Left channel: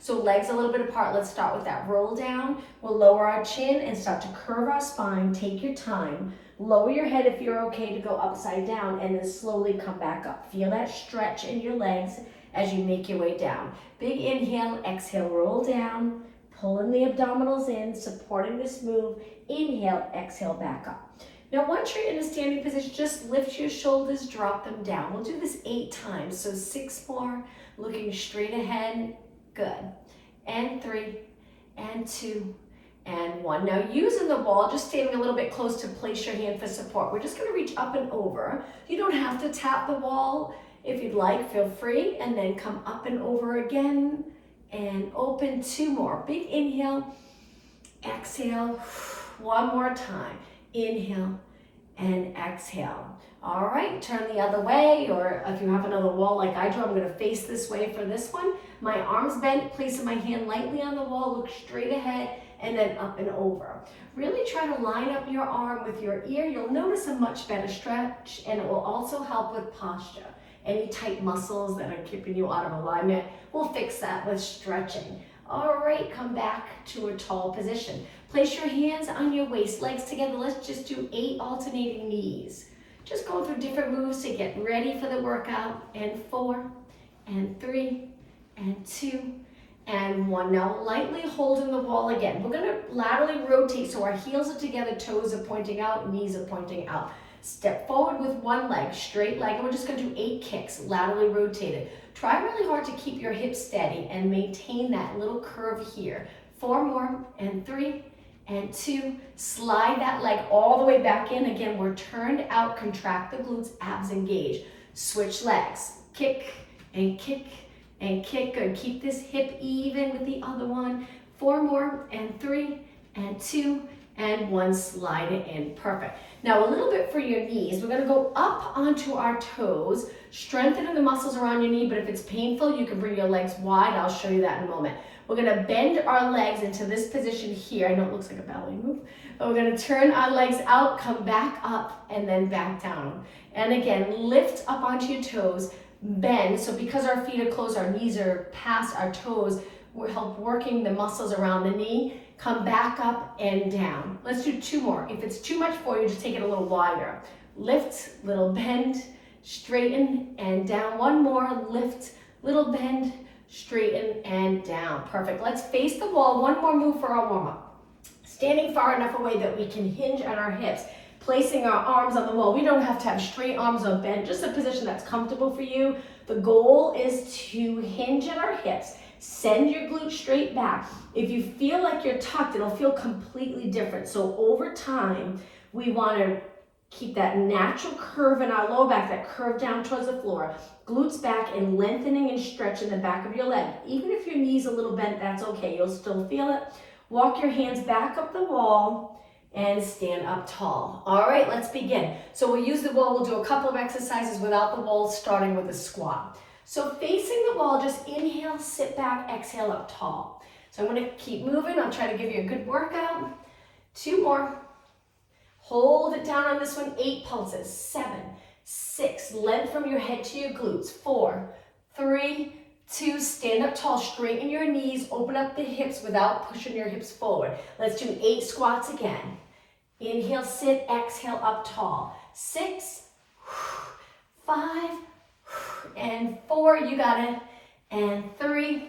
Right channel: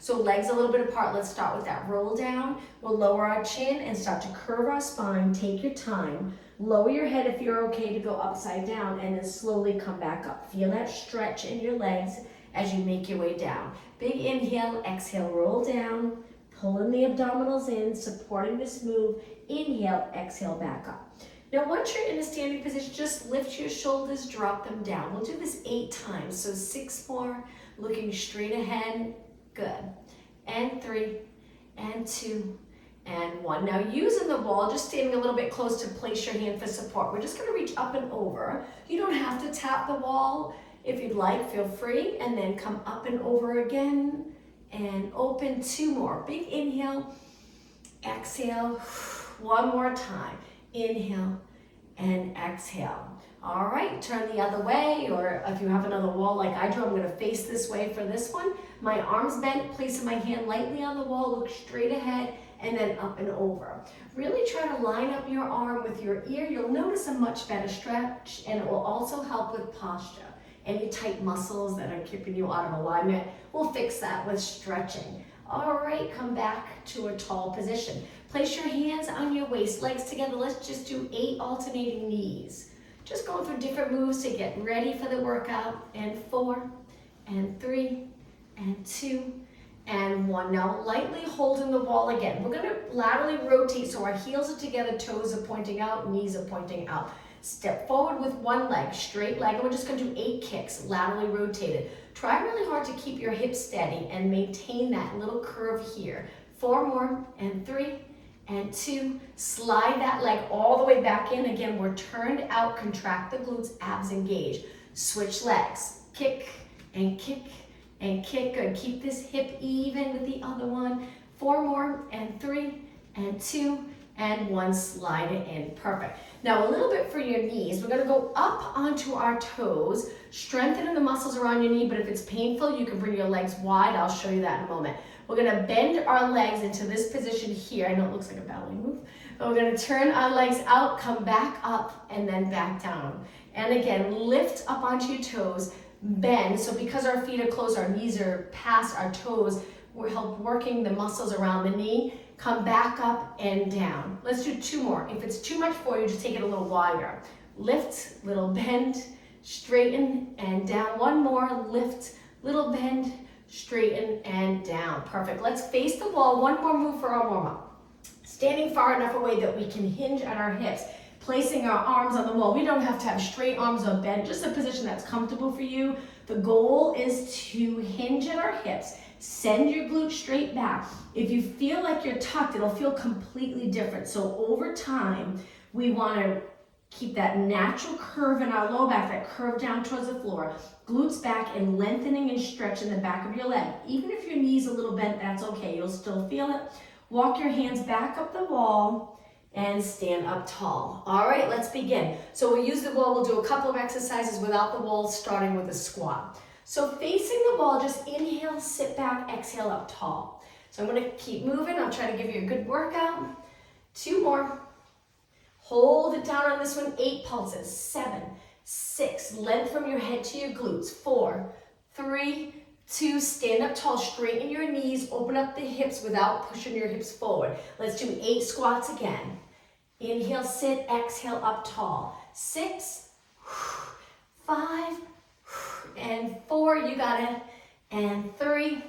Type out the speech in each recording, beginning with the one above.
So legs a little bit apart. Let's start with that roll down. We'll lower our chin and start to curve our spine. Take your time. Lower your head if you're okay to go upside down, and then slowly come back up. Feel that stretch in your legs as you make your way down. Big inhale, exhale, roll down. Pulling the abdominals in, supporting this move. Inhale, exhale, back up. Now once you're in a standing position, just lift your shoulders, drop them down. We'll do this 8 times. So 6 more, looking straight ahead. Good. And 3, and 2, and 1. Now using the wall, just standing a little bit close to place your hand for support. We're just gonna reach up and over. You don't have to tap the wall. If you'd like, feel free, and then come up and over again, and open. 2 more. Big inhale, exhale. 1 more time. Inhale and exhale. All right, turn the other way, or if you have another wall like I do, I'm gonna face this way for this one. My arms bent, placing my hand lightly on the wall, look straight ahead, and then up and over. Really try to line up your arm with your ear. You'll notice a much better stretch, and it will also help with posture. Any tight muscles that are keeping you out of alignment, we'll fix that with stretching. All right, come back to a tall position. Place your hands on your waist, legs together. Let's just do 8 alternating knees. Just go through different moves to get ready for the workout. And 4, and 3, and 2, and 1. Now lightly holding the wall again. We're gonna laterally rotate so our heels are together, toes are pointing out, knees are pointing out. Step forward with one leg, straight leg, and we're just gonna do 8 kicks, laterally rotated. Try really hard to keep your hips steady and maintain that little curve here. 4 more, and 3, and 2. Slide that leg all the way back in. Again, we're turned out, contract the glutes, abs engaged. Switch legs, kick, and kick, and kick. Good, keep this hip even with the other one. 4 more, and 3, and 2, and 1. Slide it in, perfect. Now a little bit for your knees. We're gonna go up onto our toes, strengthening the muscles around your knee, but if it's painful, you can bring your legs wide. I'll show you that in a moment. We're gonna bend our legs into this position here. I know it looks like a ballet move, but we're gonna turn our legs out, come back up, and then back down. And again, lift up onto your toes, bend. So because our feet are closed, our knees are past our toes, we'll help working the muscles around the knee. Come back up and down. Let's do 2 more. If it's too much for you, just take it a little wider. Lift, little bend, straighten, and down. 1 more, lift, little bend, straighten, and down. Perfect. Let's face the wall. 1 more move for our warm-up. Standing far enough away that we can hinge at our hips, placing our arms on the wall. We don't have to have straight arms or bend, just a position that's comfortable for you. The goal is to hinge at our hips. Send your glutes straight back. If you feel like you're tucked, it'll feel completely different. So over time, we want to keep that natural curve in our low back, that curve down towards the floor. Glutes back and lengthening and stretching the back of your leg. Even if your knee's a little bent, that's okay. You'll still feel it. Walk your hands back up the wall and stand up tall. All right, let's begin. So we'll use the wall. We'll do a couple of exercises without the wall, starting with a squat. So facing the wall, just inhale, sit back, exhale up tall. So I'm gonna keep moving. I'll try to give you a good workout. 2 more. Hold it down on this one. 8 pulses. 7, 6. Length from your head to your glutes. 4, 3, 2. Stand up tall. Straighten your knees. Open up the hips without pushing your hips forward. Let's do 8 squats again. Inhale, sit, exhale up tall. 6, 5, and 4, you got it, and 3,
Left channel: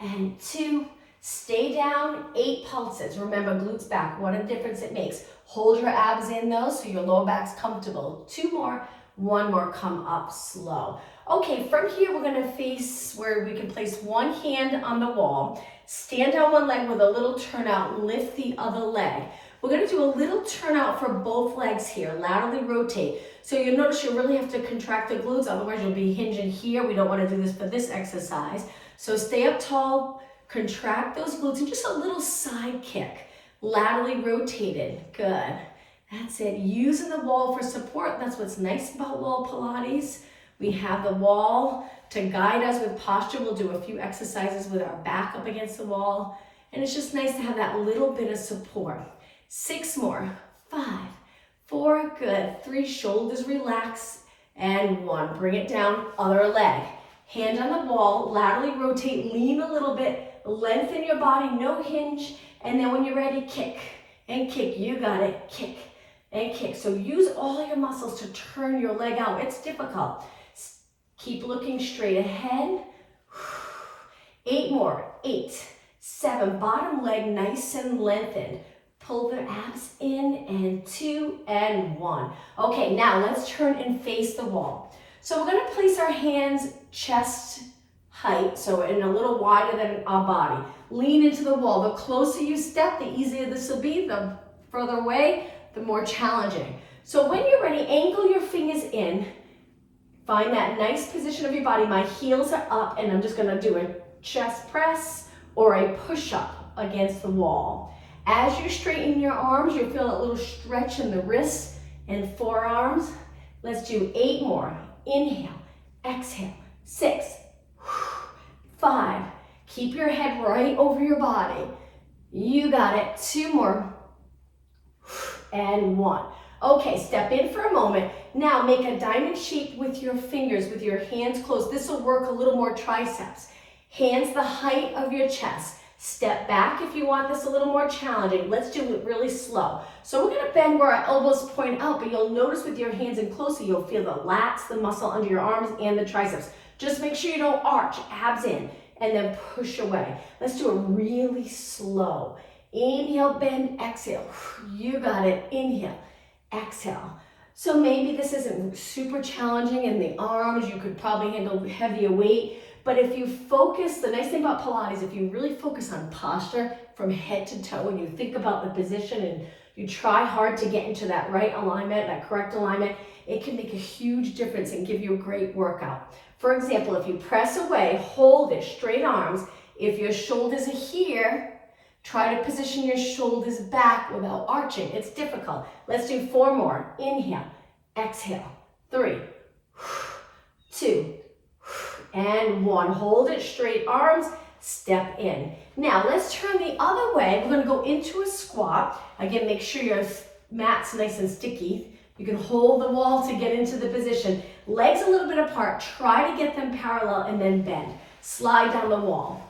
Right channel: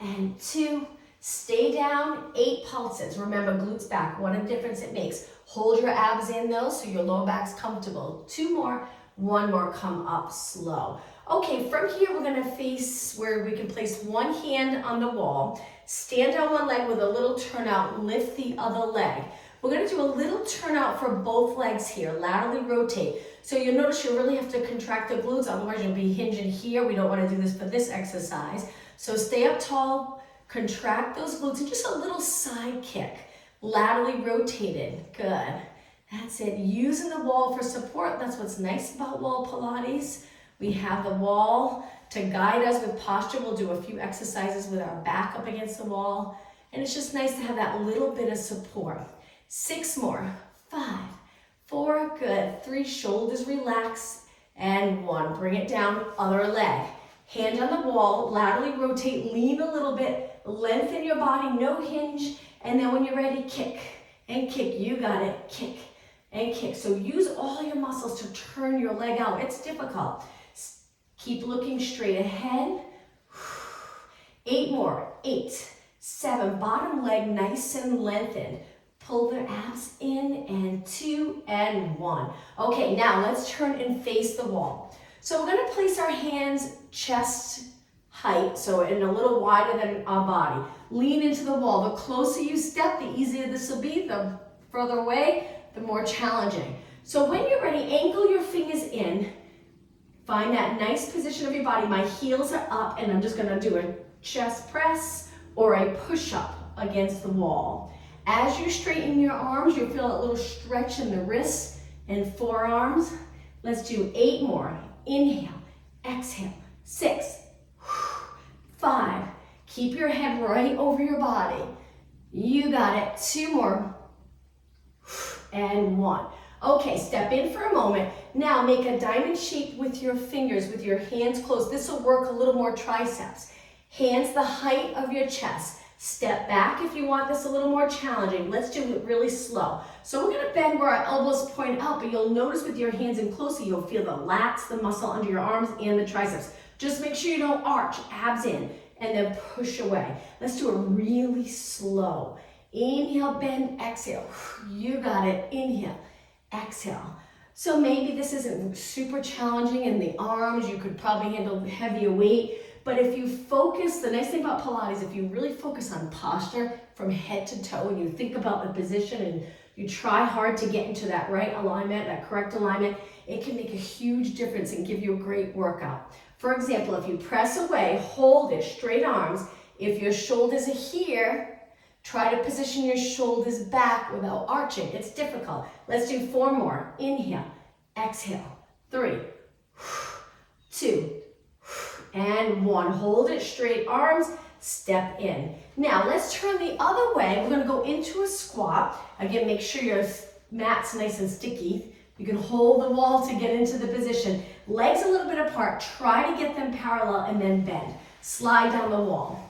and 2, stay down, 8 pulses. Remember, glutes back, what a difference it makes. Hold your abs in though, so your low back's comfortable. 2 more, 1 more, come up slow. Okay, from here, we're gonna face where we can place one hand on the wall, stand on one leg with a little turnout, lift the other leg. We're gonna do a little turnout for both legs here, laterally rotate. So you'll notice you really have to contract the glutes, otherwise you'll be hinging here. We don't wanna do this for this exercise. So stay up tall, contract those glutes, and just a little side kick, laterally rotated, good. That's it, using the wall for support. That's what's nice about wall Pilates. We have the wall to guide us with posture. We'll do a few exercises with our back up against the wall. And it's just nice to have that little bit of support. 6 more, 5, 4, good. 3, shoulders relax, and 1. Bring it down, other leg. Hand on the wall, laterally rotate, lean a little bit, lengthen your body, no hinge, and then when you're ready, kick and kick. You got it, kick and kick. So use all your muscles to turn your leg out. It's difficult. Keep looking straight ahead. 8 more, 8, 7, bottom leg nice and lengthened. Pull the abs in, and 2, and 1. Okay, now let's turn and face the wall. So we're gonna place our hands chest height, so in a little wider than our body. Lean into the wall. The closer you step, the easier this will be. The further away, the more challenging. So when you're ready, angle your fingers in. Find that nice position of your body. My heels are up, and I'm just gonna do a chest press or a push-up against the wall. As you straighten your arms, you'll feel a little stretch in the wrists and forearms. Let's do 8 more. Inhale, exhale, 6, 5. Keep your head right over your body. You got it. 2 more, and 1. Okay, step in for a moment. Now make a diamond shape with your fingers, with your hands closed. This will work a little more triceps. Hands the height of your chest. Step back if you want this a little more challenging. Let's do it really slow. So we're gonna bend where our elbows point out, but you'll notice with your hands in closer, you'll feel the lats, the muscle under your arms, and the triceps. Just make sure you don't arch, abs in, and then push away. Let's do it really slow. Inhale, bend, exhale. You got it. Inhale, exhale. So maybe this isn't super challenging in the arms. You could probably handle heavier weight. But if you focus, the nice thing about Pilates, if you really focus on posture from head to toe, and you think about the position and you try hard to get into that right alignment, that correct alignment, it can make a huge difference and give you a great workout. For example, if you press away, hold it, straight arms. If your shoulders are here, try to position your shoulders back without arching. It's difficult. Let's do 4 more. Inhale, exhale, 3, 2, and 1. Hold it, straight arms, step in. Now let's turn the other way. We're gonna go into a squat. Again, make sure your mat's nice and sticky. You can hold the wall to get into the position. Legs a little bit apart, try to get them parallel and then bend. Slide down the wall.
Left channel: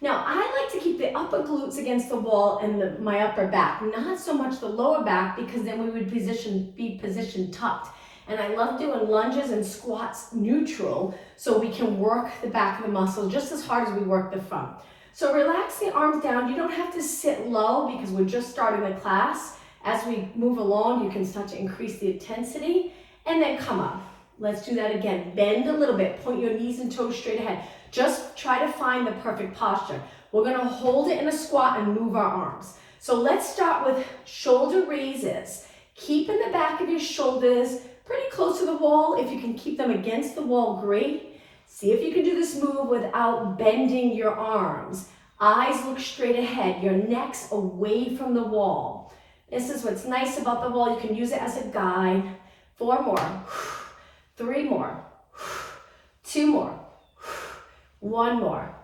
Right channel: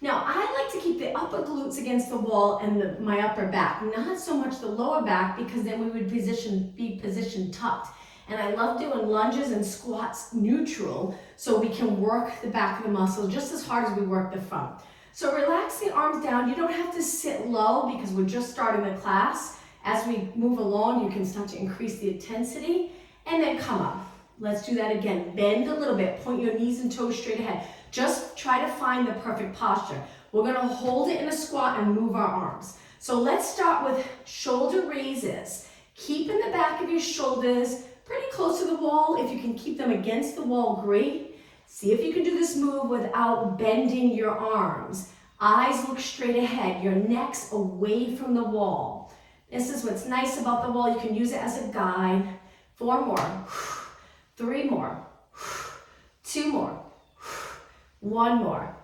Now I like to keep the upper glutes against the wall and my upper back, not so much the lower back, because then we would be positioned tucked. And I love doing lunges and squats neutral so we can work the back of the muscle just as hard as we work the front. So relax the arms down. You don't have to sit low because we're just starting the class. As we move along, you can start to increase the intensity and then come up. Let's do that again. Bend a little bit, point your knees and toes straight ahead. Just try to find the perfect posture. We're gonna hold it in a squat and move our arms. So let's start with shoulder raises. Keeping the back of your shoulders pretty close to the wall. If you can keep them against the wall, great. See if you can do this move without bending your arms. Eyes look straight ahead, your neck's away from the wall. This is what's nice about the wall. You can use it as a guide. 4 more, 3 more, 2 more, 1 more.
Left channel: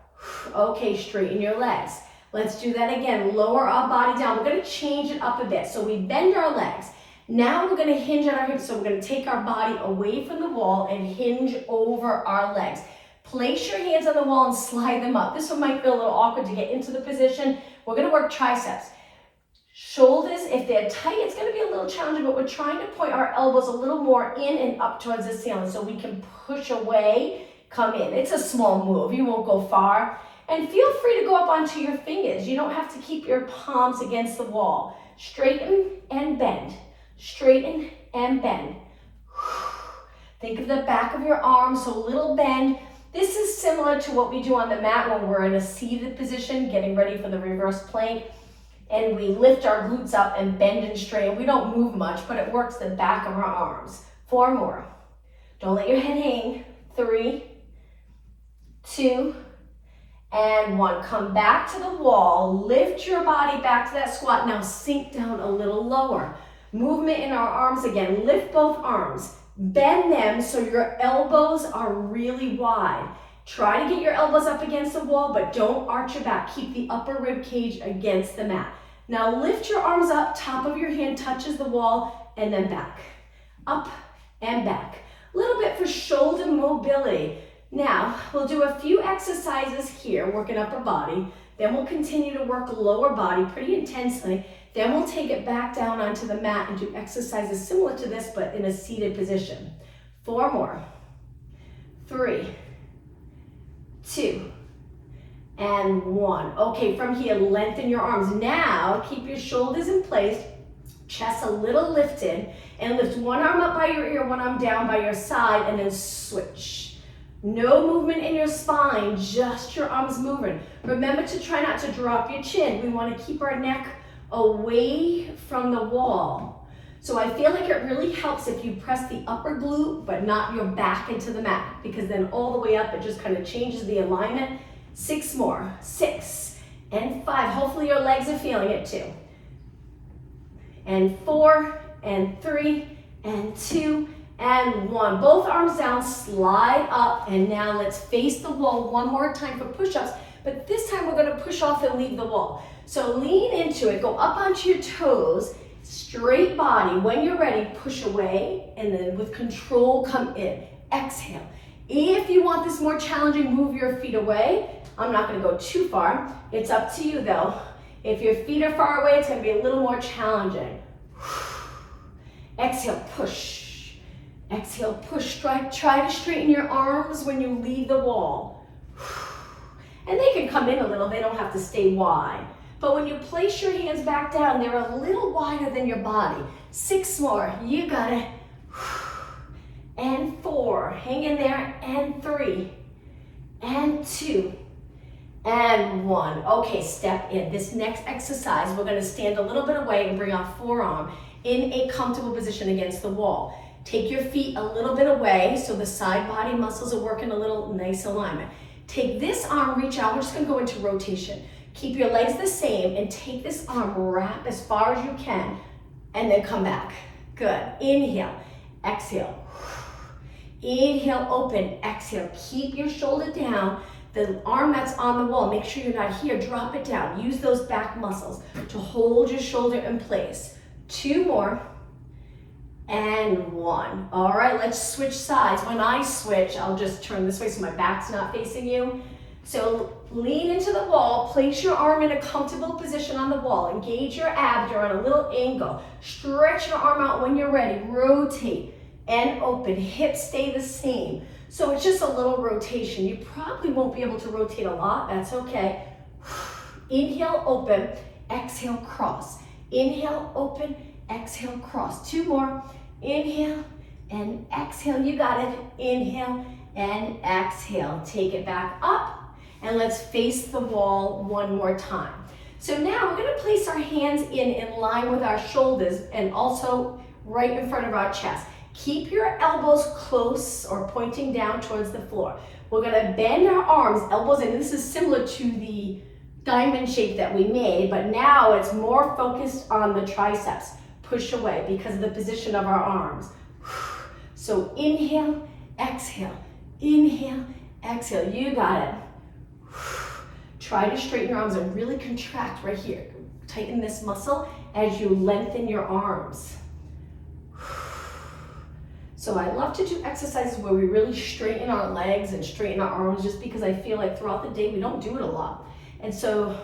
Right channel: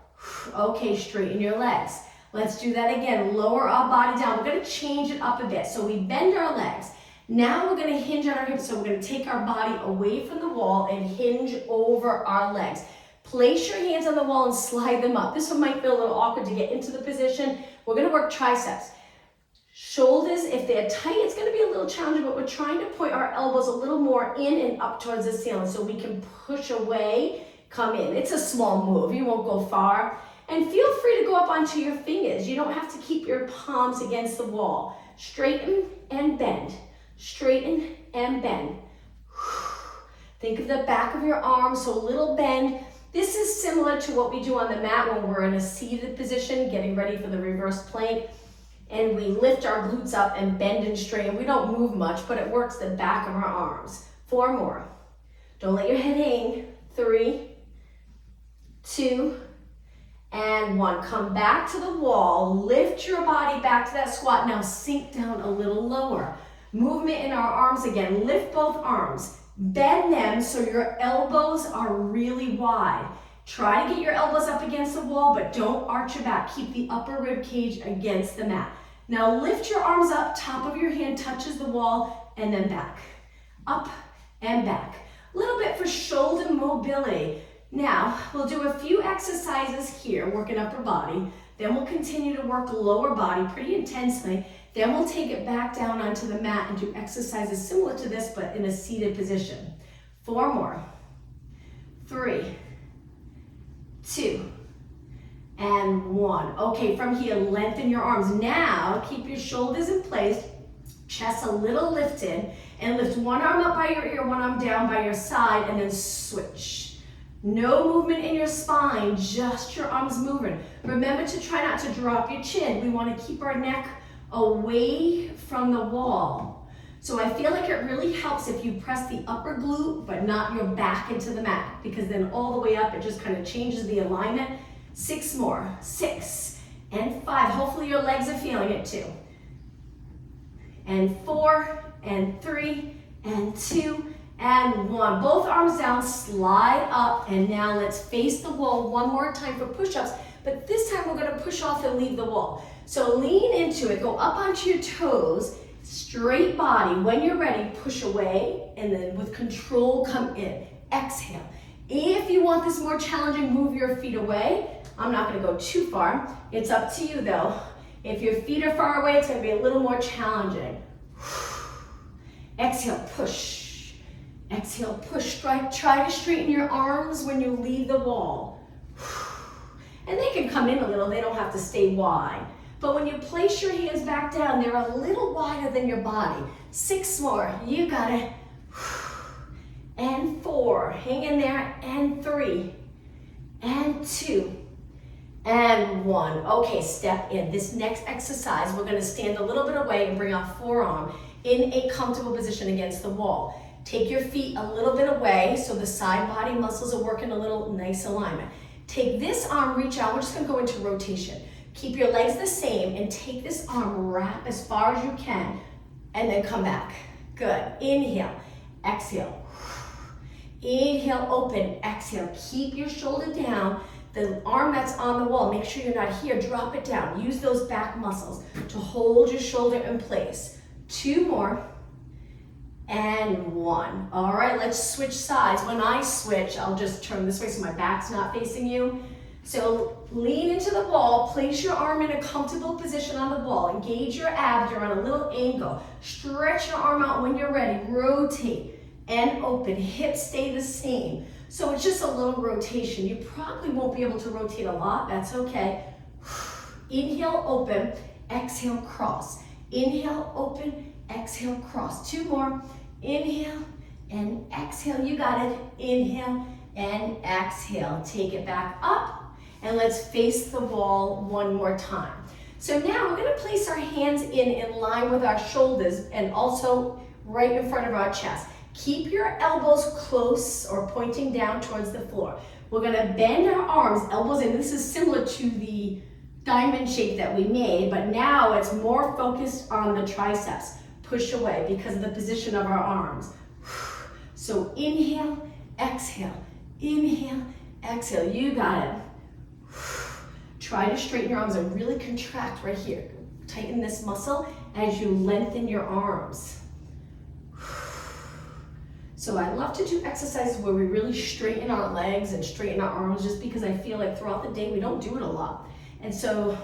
Okay, straighten your legs. Let's do that again. Lower our body down. We're gonna change it up a bit. So we bend our legs. Now we're gonna hinge at our hips, so we're gonna take our body away from the wall and hinge over our legs. Place your hands on the wall and slide them up. This one might feel a little awkward to get into the position. We're gonna work triceps. Shoulders, if they're tight, it's gonna be a little challenging, but we're trying to point our elbows a little more in and up towards the ceiling so we can push away, come in. It's a small move, you won't go far. And feel free to go up onto your fingers. You don't have to keep your palms against the wall. Straighten and bend. Straighten and bend. Think of the back of your arm, so a little bend. This is similar to what we do on the mat when we're in a seated position, getting ready for the reverse plank. And we lift our glutes up and bend and straighten. We don't move much, but it works the back of our arms. 4 more. Don't let your head hang. 3, 2, and 1. Come back to the wall. Lift your body back to that squat. Now sink down a little lower. Movement in our arms again. Lift both arms. Bend them so your elbows are really wide. Try to get your elbows up against the wall, but don't arch your back. Keep the upper rib cage against the mat. Now lift your arms up, top of your hand touches the wall, and then back. Up and back. A little bit for shoulder mobility. Now, we'll do a few exercises here, working upper body. Then we'll continue to work lower body pretty intensely. Then we'll take it back down onto the mat and do exercises similar to this, but in a seated position. 4 more. 3, 2, and 1. Okay, from here, lengthen your arms. Now, keep your shoulders in place, chest a little lifted, and lift one arm up by your ear, one arm down by your side, and then switch. No movement in your spine, just your arms moving. Remember to try not to drop your chin. We want to keep our neck away from the wall. So I feel like it really helps if you press the upper glute, but not your back into the mat, because then all the way up, it just kind of changes the alignment. 6 more, 6, and 5. Hopefully your legs are feeling it too. And 4, and 3, and 2, and 1. Both arms down, slide up, and now let's face the wall one more time for push-ups, but this time we're gonna push off and leave the wall. So lean into it, go up onto your toes, straight body. When you're ready, push away, and then with control, come in. Exhale. If you want this more challenging, move your feet away. I'm not gonna go too far. It's up to you though. If your feet are far away, it's gonna be a little more challenging. Exhale, push. Exhale, push. Try to straighten your arms when you leave the wall. And they can come in a little, they don't have to stay wide. But when you place your hands back down, they're a little wider than your body. 6 more, you got it. And 4, hang in there, and 3, and 2, and 1. Okay, step in. This next exercise, we're gonna stand a little bit away and bring our forearm in a comfortable position against the wall. Take your feet a little bit away so the side body muscles are working a little nice alignment. Take this arm, reach out, we're just gonna go into rotation. Keep your legs the same and take this arm, wrap as far as you can, and then come back. Good, inhale, exhale. Inhale, open, exhale. Keep your shoulder down. The arm that's on the wall, make sure you're not here, drop it down. Use those back muscles to hold your shoulder in place. 2 more, and 1. All right, let's switch sides. When I switch, I'll just turn this way so my back's not facing you. So lean into the wall, place your arm in a comfortable position on the wall, engage your abs, you're on a little angle. Stretch your arm out when you're ready, rotate and open, hips stay the same. So it's just a little rotation. You probably won't be able to rotate a lot, that's okay. Inhale, open, exhale, cross. Inhale, open, exhale, cross. 2 more, inhale and exhale, you got it. Inhale and exhale, take it back up. And let's face the wall one more time. So now we're gonna place our hands in line with our shoulders and also right in front of our chest. Keep your elbows close or pointing down towards the floor. We're gonna bend our arms, elbows in. This is similar to the diamond shape that we made, but now it's more focused on the triceps. Push away because of the position of our arms. So inhale, exhale, inhale, exhale, you got it. Try to straighten your arms and really contract right here. Tighten this muscle as you lengthen your arms. So I love to do exercises where we really straighten our legs and straighten our arms just because I feel like throughout the day we don't do it a lot. And so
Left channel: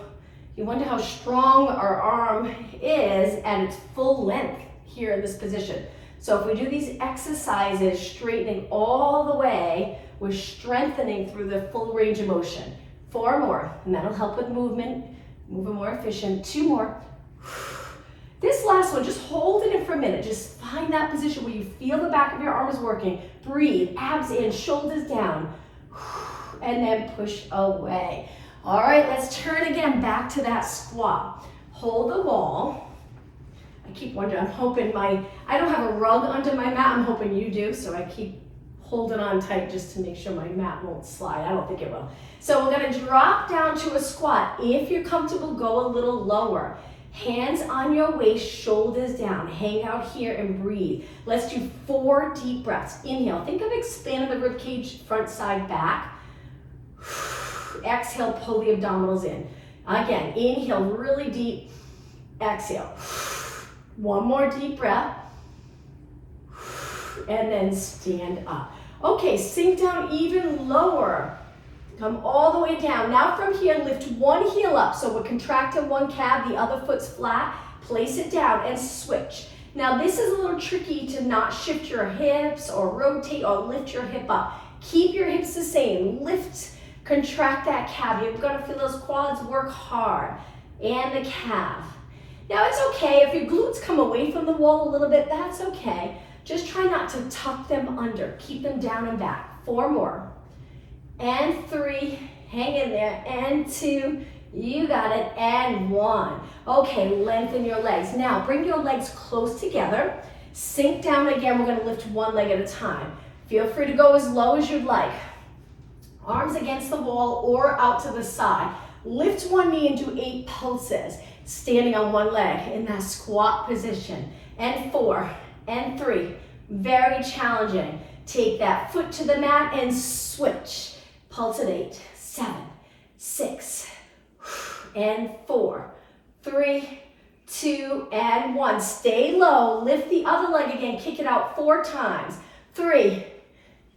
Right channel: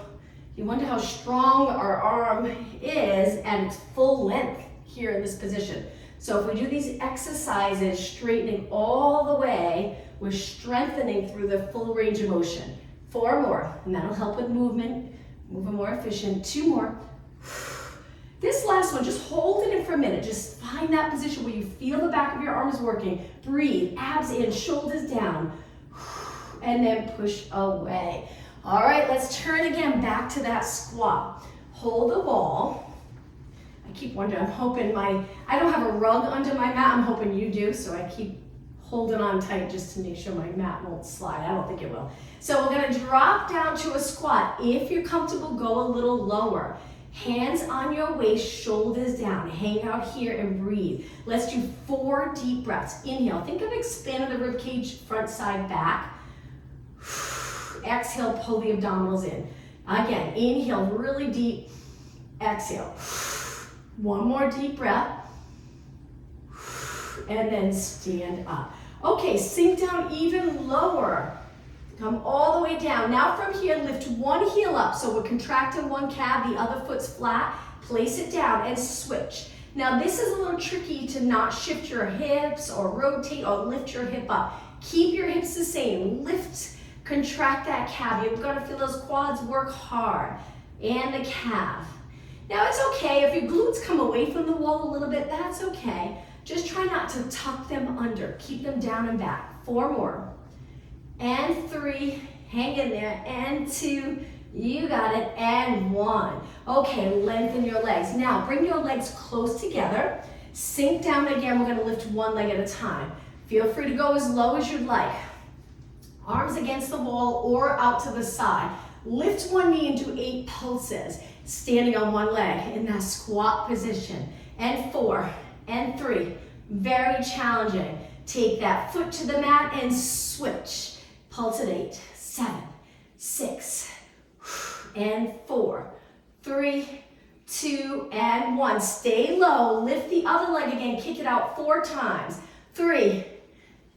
you wonder how strong our arm is at its full length here in this position. So if we do these exercises, straightening all the way, we're strengthening through the full range of motion. 4 more, and that'll help with movement, moving more efficient. 2 more. This last one, just hold it in for a minute. Just find that position where you feel the back of your arms working. Breathe, abs in, shoulders down, and then push away. All right, let's turn again back to that squat. Hold the wall. I keep wondering, I'm hoping I don't have a rug under my mat, I'm hoping you do, so I keep holding on tight just to make sure my mat won't slide. I don't think it will. So we're gonna drop down to a squat. If you're comfortable, go a little lower. Hands on your waist, shoulders down. Hang out here and breathe. Let's do 4 deep breaths. Inhale, think of expanding the rib cage, front, side, back. Exhale, pull the abdominals in. Again, inhale really deep. Exhale. 1 more deep breath. And then stand up. Okay, sink down even lower. Come all the way down. Now from here, lift one heel up. So we're contracting one calf, the other foot's flat. Place it down and switch. Now this is a little tricky to not shift your hips or rotate or lift your hip up. Keep your hips the same. Lift, contract that calf. You've got to feel those quads work hard. And the calf. Now it's okay if your glutes come away from the wall a little bit, that's okay. Just try not to tuck them under. Keep them down and back. 4 more. And 3, hang in there, and 2, you got it, and 1. Okay, lengthen your legs. Now, bring your legs close together. Sink down again. We're gonna lift one leg at a time. Feel free to go as low as you'd like. Arms against the wall or out to the side. Lift one knee and do 8 pulses. Standing on one leg in that squat position. And 4, and 3. Very challenging. Take that foot to the mat and switch. Pulse at 8, 7, 6, and 4, 3, 2, and 1. Stay low. Lift the other leg again. Kick it out 4 times. 3,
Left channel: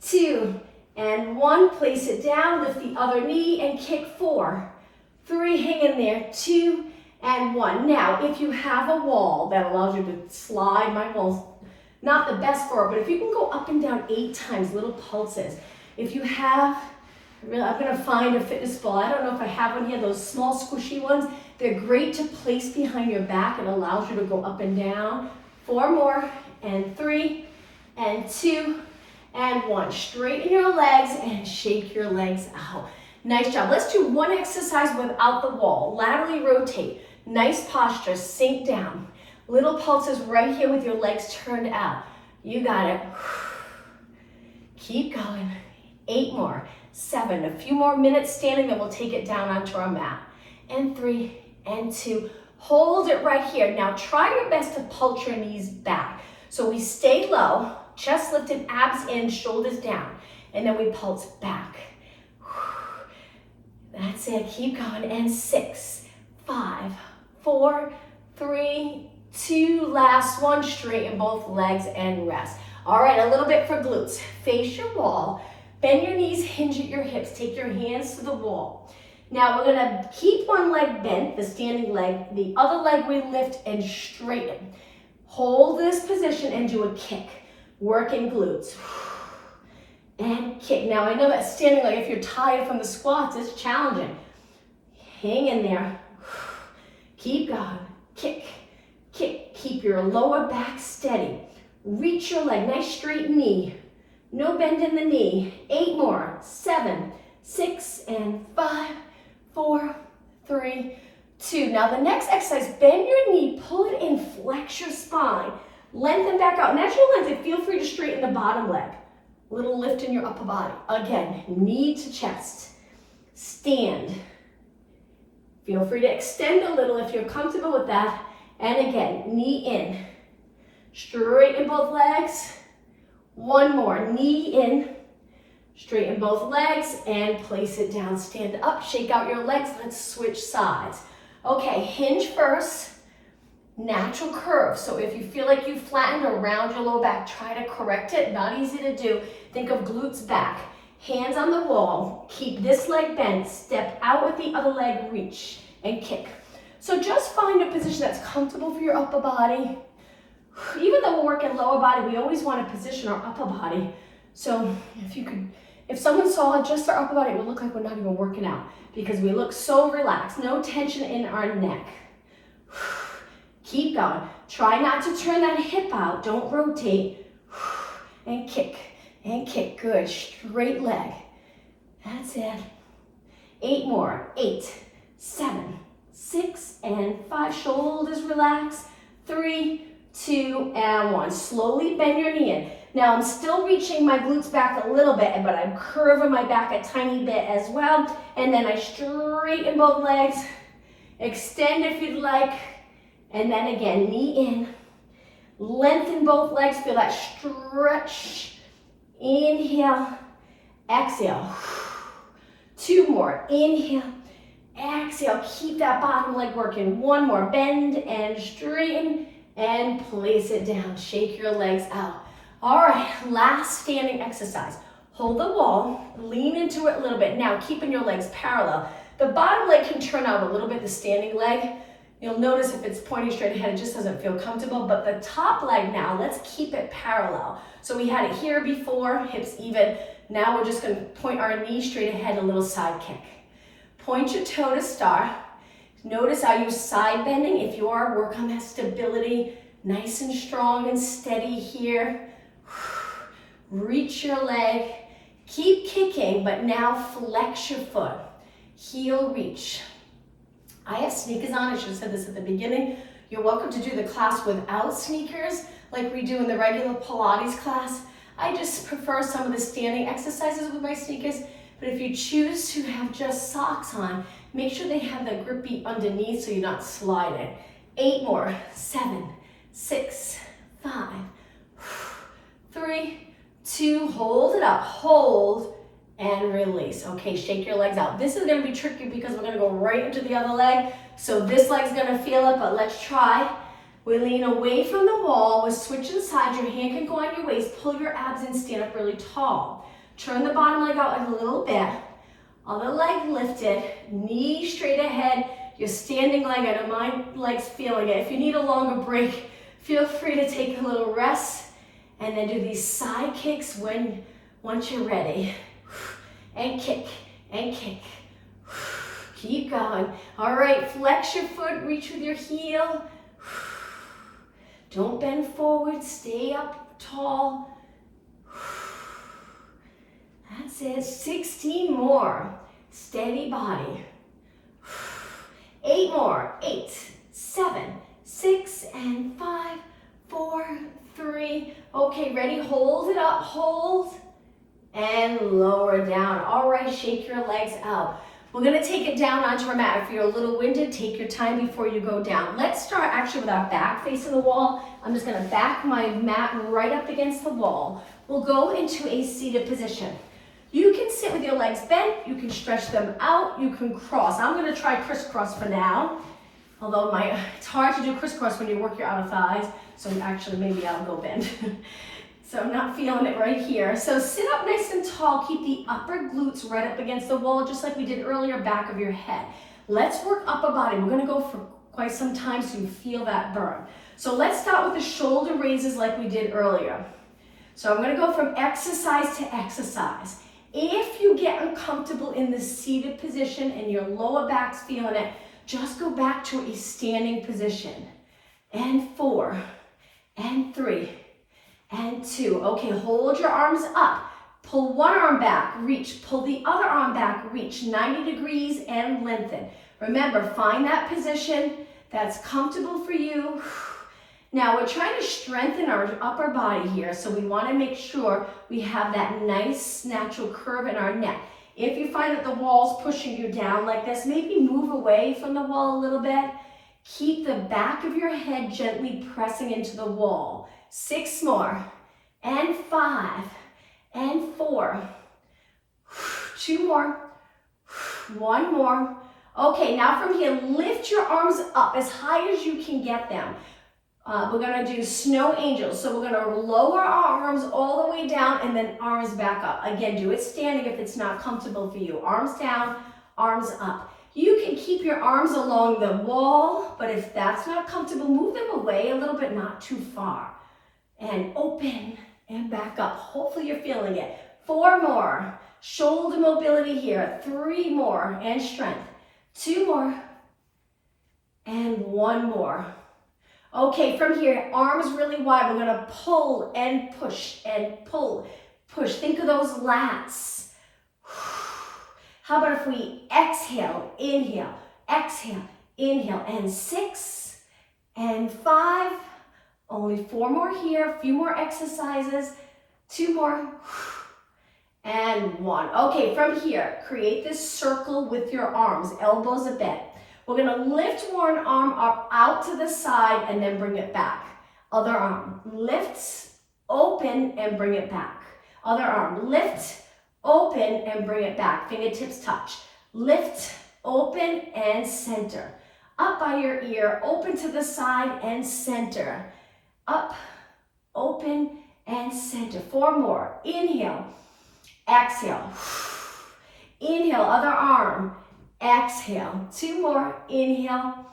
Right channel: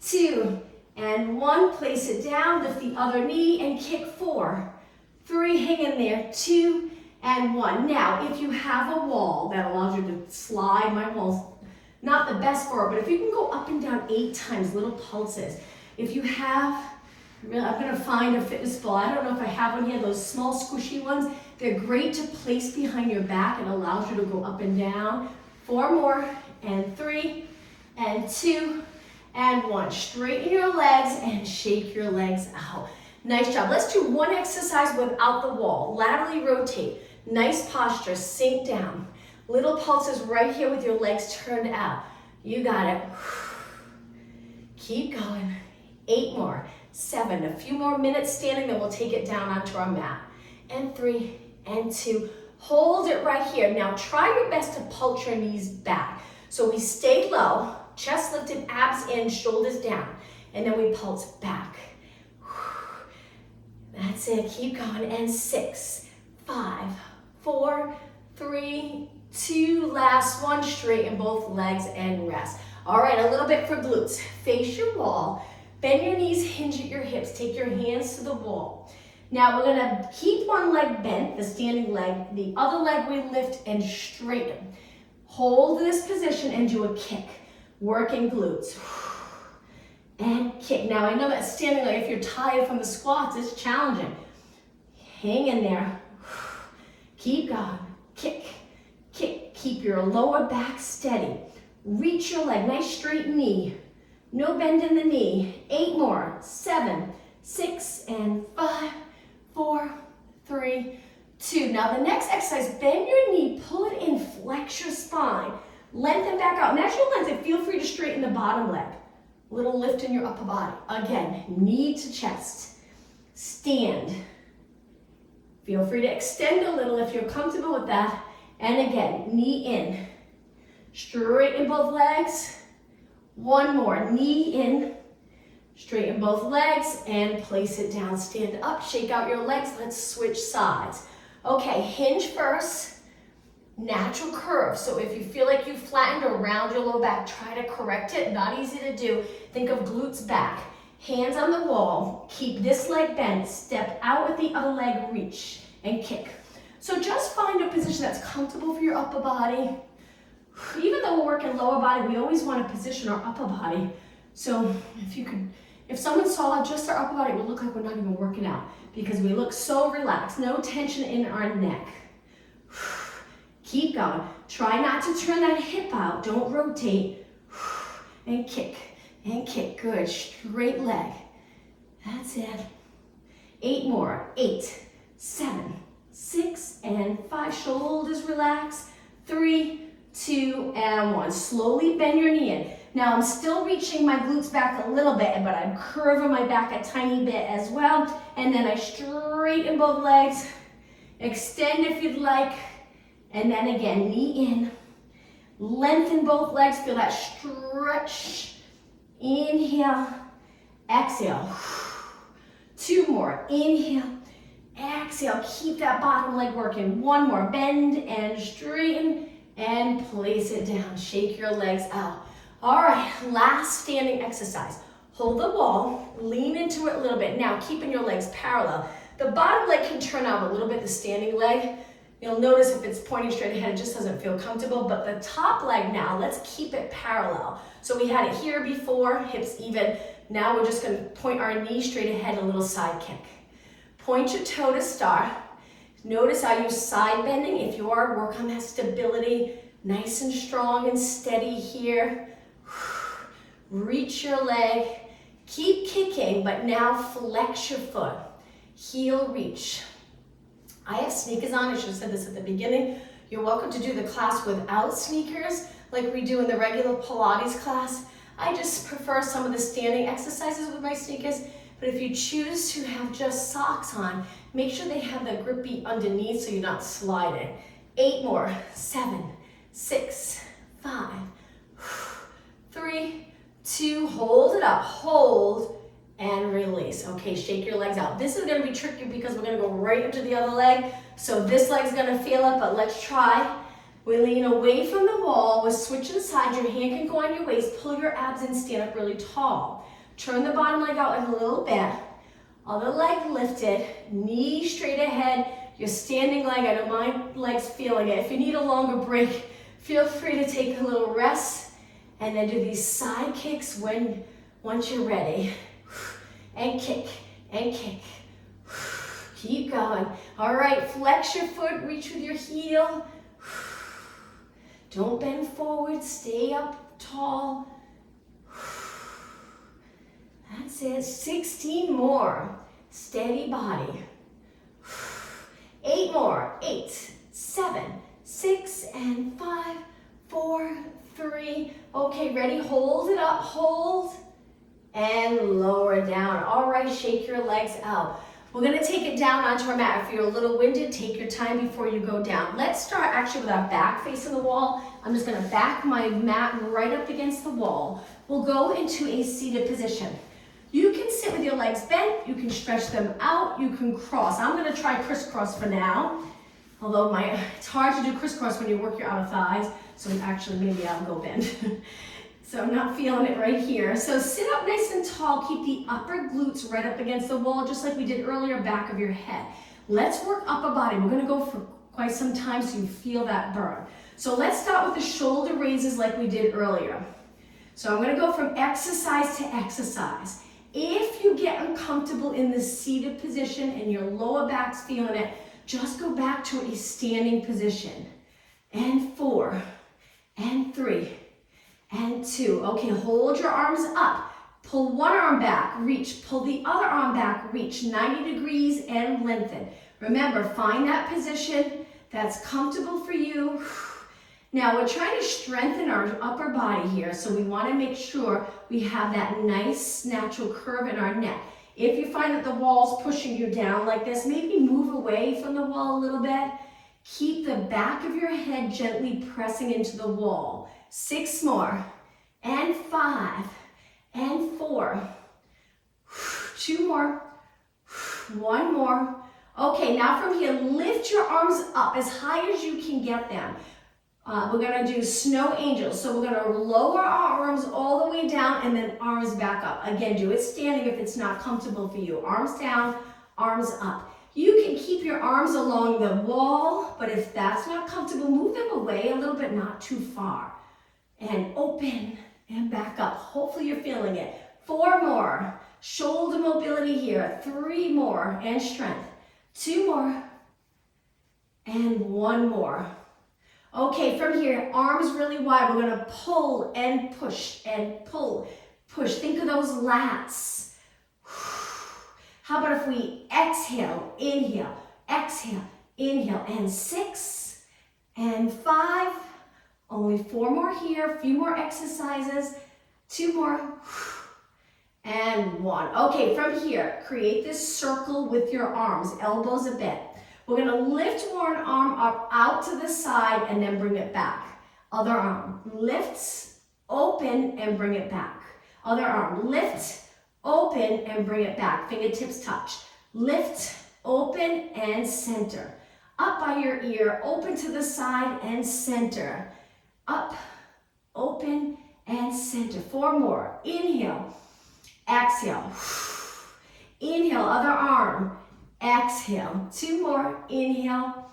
2, and 1. Place it down. Lift the other knee and kick 4, 3. Hang in there. 2, and 1. Now, if you have a wall that allows you to slide, my wall's not the best for it, but if you can go up and down 8 times, little pulses. If you have, I'm gonna find a fitness ball. I don't know if I have one here, those small squishy ones. They're great to place behind your back. It allows you to go up and down. 4 more, and 3, and 2, and 1. Straighten your legs and shake your legs out. Nice job. Let's do one exercise without the wall. Laterally rotate. Nice posture, sink down. Little pulses right here with your legs turned out. You got it. Keep going. 8 more. 7, a few more minutes standing, then we'll take it down onto our mat. And 3, and 2. Hold it right here. Now try your best to pulse your knees back. So we stay low, chest lifted, abs in, shoulders down. And then we pulse back. That's it, keep going. And 6, 5, 4, 3, 2, last one. Straighten both legs and rest. All right, a little bit for glutes. Face your wall. Bend your knees, hinge at your hips. Take your hands to the wall. Now we're gonna keep one leg bent, the standing leg. The other leg we lift and straighten. Hold this position and do a kick. Working glutes. And kick. Now I know that standing leg, if you're tired from the squats, it's challenging. Hang in there. Keep going. Kick, kick. Keep your lower back steady. Reach your leg, nice straight knee. No bend in the knee. 8 more. 7, 6, and 5, 4, 3, 2. Now the next exercise, bend your knee, pull it in, flex your spine. Lengthen back out. Natural lengthen, feel free to straighten the bottom leg. Little lift in your upper body. Again, knee to chest. Stand. Feel free to extend a little if you're comfortable with that. And again, knee in. Straighten both legs. 1 more, knee in. Straighten both legs and place it down. Stand up, shake out your legs. Let's switch sides. Okay, hinge first. Natural curve. So if you feel like you flattened around your lower back, try to correct it. Not easy to do. Think of glutes back. Hands on the wall. Keep this leg bent. Step out with the other leg, reach and kick. So just find a position that's comfortable for your upper body. Even though we're working lower body, we always want to position our upper body. So if someone saw just our upper body, it would look like we're not even working out because we look so relaxed. No tension in our neck. Keep going. Try not to turn that hip out. Don't rotate. And kick. And kick. Good. Straight leg. That's it. 8 more. 8, 7, 6, and 5. Shoulders relax. 3, 2, and 1. Slowly bend your knee in. Now I'm still reaching my glutes back a little bit, but I'm curving my back a tiny bit as well. And then I straighten both legs. Extend if you'd like. And then again, knee in. Lengthen both legs. Feel that stretch. Inhale. Exhale. 2 more. Inhale. Exhale. Keep that bottom leg working. 1 more. Bend and straighten. And place it down. Shake your legs out. All right, last standing exercise. Hold the wall, lean into it a little bit. Now, keeping your legs parallel. The bottom leg can turn out a little bit, the standing leg. You'll notice if it's pointing straight ahead, it just doesn't feel comfortable, but the top leg now, let's keep it parallel. So we had it here before, hips even. Now we're just gonna point our knee straight ahead, a little side kick. Point your toe to start. Notice how you're side bending. If you are, work on that stability. Nice and strong and steady here. Reach your leg. Keep kicking, but now flex your foot. Heel reach. I have sneakers on. I should have said this at the beginning. You're welcome to do the class without sneakers, like we do in the regular Pilates class. I just prefer some of the standing exercises with my sneakers, but if you choose to have just socks on, make sure they have the grippy underneath so you're not sliding. 8 more, 7, 6, 5, 3, 2, hold it up, hold, and release. Okay, shake your legs out. This is gonna be tricky because we're gonna go right into the other leg. So this leg's gonna feel it, but let's try. We lean away from the wall, we're switching sides, your hand can go on your waist, pull your abs in, stand up really tall. Turn the bottom leg out a little bit. Other leg lifted, knee straight ahead. Your standing leg, I know my leg's feeling it. If you need a longer break, feel free to take a little rest and then do these side kicks once you're ready. And kick, and kick. Keep going. All right, flex your foot, reach with your heel. Don't bend forward, stay up tall. That's it, 16 more. Steady body. 8 more, 8, 7, 6, and 5, 4, 3. Okay, ready, hold it up, hold, and lower down. All right, shake your legs out. We're gonna take it down onto our mat. If you're a little winded, take your time before you go down. Let's start actually with our back facing the wall. I'm just gonna back my mat right up against the wall. We'll go into a seated position. You can sit with your legs bent, you can stretch them out, you can cross. I'm gonna try crisscross for now, although it's hard to do crisscross when you work your outer thighs, so actually maybe I'll go bend. So I'm not feeling it right here. So sit up nice and tall, keep the upper glutes right up against the wall, just like we did earlier, back of your head. Let's work upper body. We're gonna go for quite some time so you feel that burn. So let's start with the shoulder raises like we did earlier. So I'm gonna go from exercise to exercise. If you get uncomfortable in the seated position and your lower back's feeling it, just go back to a standing position. And 4, and 3, and 2. Okay, hold your arms up. Pull one arm back, reach. Pull the other arm back, reach 90 degrees and lengthen. Remember, find that position that's comfortable for you. Now we're trying to strengthen our upper body here, so we want to make sure we have that nice natural curve in our neck. If you find that the wall's pushing you down like this, maybe move away from the wall a little bit. Keep the back of your head gently pressing into the wall. 6 more, and 5, and 4, 2 more, 1 more. Okay, now from here, lift your arms up as high as you can get them. We're gonna do snow angels. So we're gonna lower our arms all the way down and then arms back up. Again, do it standing if it's not comfortable for you. Arms down, arms up. You can keep your arms along the wall, but if that's not comfortable, move them away a little bit, not too far. And open and back up. Hopefully you're feeling it. 4 more. Shoulder mobility here. 3 more and strength. 2 more. And 1 more. Okay, from here, arms really wide. We're gonna pull and push and pull, push. Think of those lats. How about if we exhale, inhale, and 6 and 5. Only 4 more here, a few more exercises, 2 more, and 1. Okay, from here, create this circle with your arms, elbows a bit. We're gonna lift one arm up out to the side and then bring it back. Other arm, lifts, open, and bring it back. Other arm, lift, open, and bring it back. Fingertips touch. Lift, open, and center. Up by your ear, open to the side and center. Up, open, and center. 4 more. Inhale, exhale. Inhale, other arm. Exhale. 2 more. Inhale.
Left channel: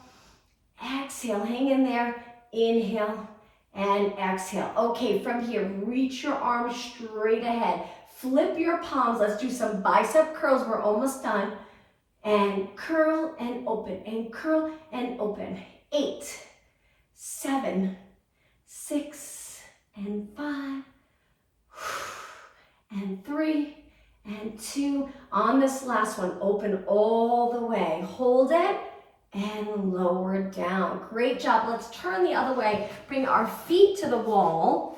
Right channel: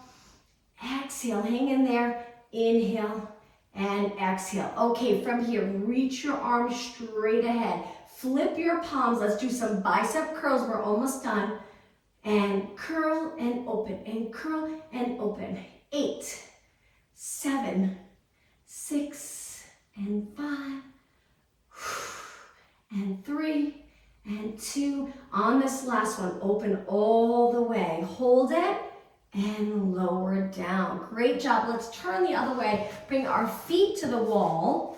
Exhale. Hang in there. Inhale and exhale. Okay, from here, reach your arms straight ahead. Flip your palms. Let's do some bicep curls. We're almost done. And curl and open, and curl and open. 8, 7, 6, and 5, and 3, and 2. On this last one, open all the way. Hold it and lower down. Great job. Let's turn the other way. Bring our feet to the wall.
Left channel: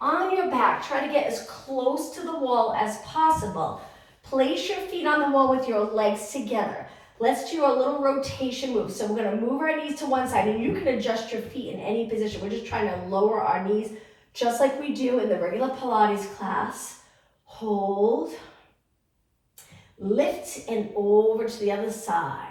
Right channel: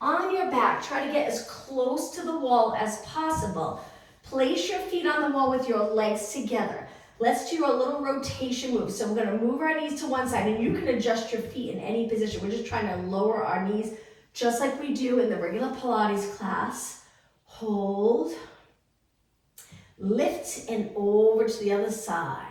On your back, try to get as close to the wall as possible. Place your feet on the wall with your legs together. Let's do a little rotation move. So we're going to move our knees to one side, and you can adjust your feet in any position. We're just trying to lower our knees just like we do in the regular Pilates class. Hold. Lift and over to the other side.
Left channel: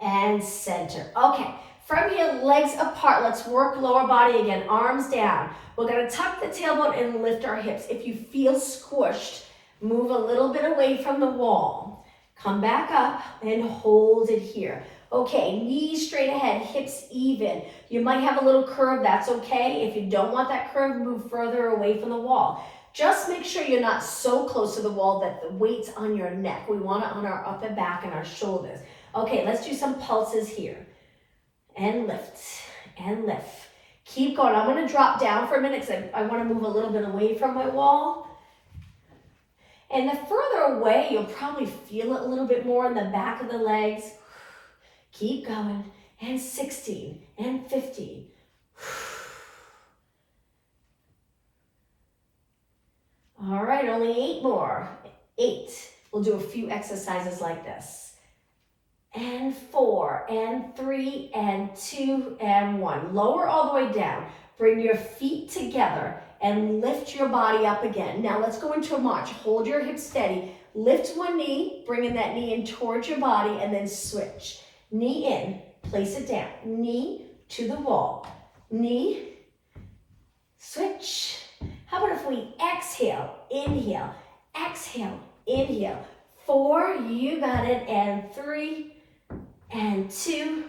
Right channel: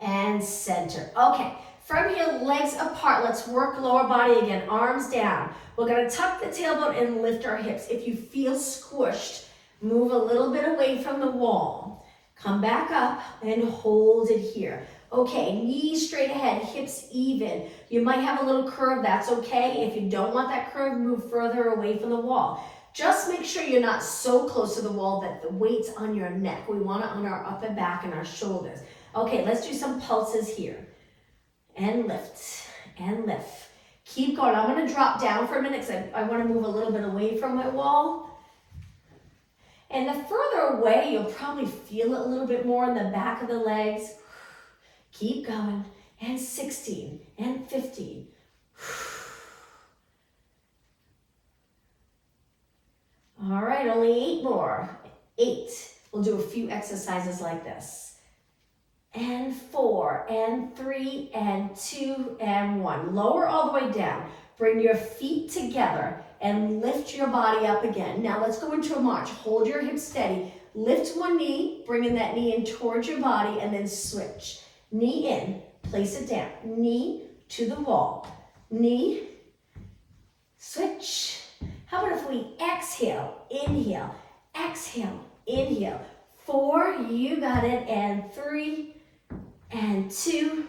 And center. Okay, from here, legs apart. Let's work lower body again, arms down. We're gonna tuck the tailbone and lift our hips. If you feel squished, move a little bit away from the wall. Come back up and hold it here. Okay, knees straight ahead, hips even. You might have a little curve, that's okay. If you don't want that curve, move further away from the wall. Just make sure you're not so close to the wall that the weight's on your neck. We want it on our upper back and our shoulders. Okay, let's do some pulses here. And lift, and lift. Keep going. I'm going to drop down for a minute because I want to move a little bit away from my wall. And the further away, you'll probably feel it a little bit more in the back of the legs. Keep going. And 16, and 15. All right, only 8 more. 8. We'll do a few exercises like this. And 4, and 3, and 2, and 1. Lower all the way down. Bring your feet together and lift your body up again. Now let's go into a march. Hold your hips steady. Lift one knee, bringing that knee in towards your body, and then switch. Knee in, place it down. Knee to the wall. Knee, switch. How about if we exhale, inhale, exhale, inhale. 4, you got it, and 3, and 2,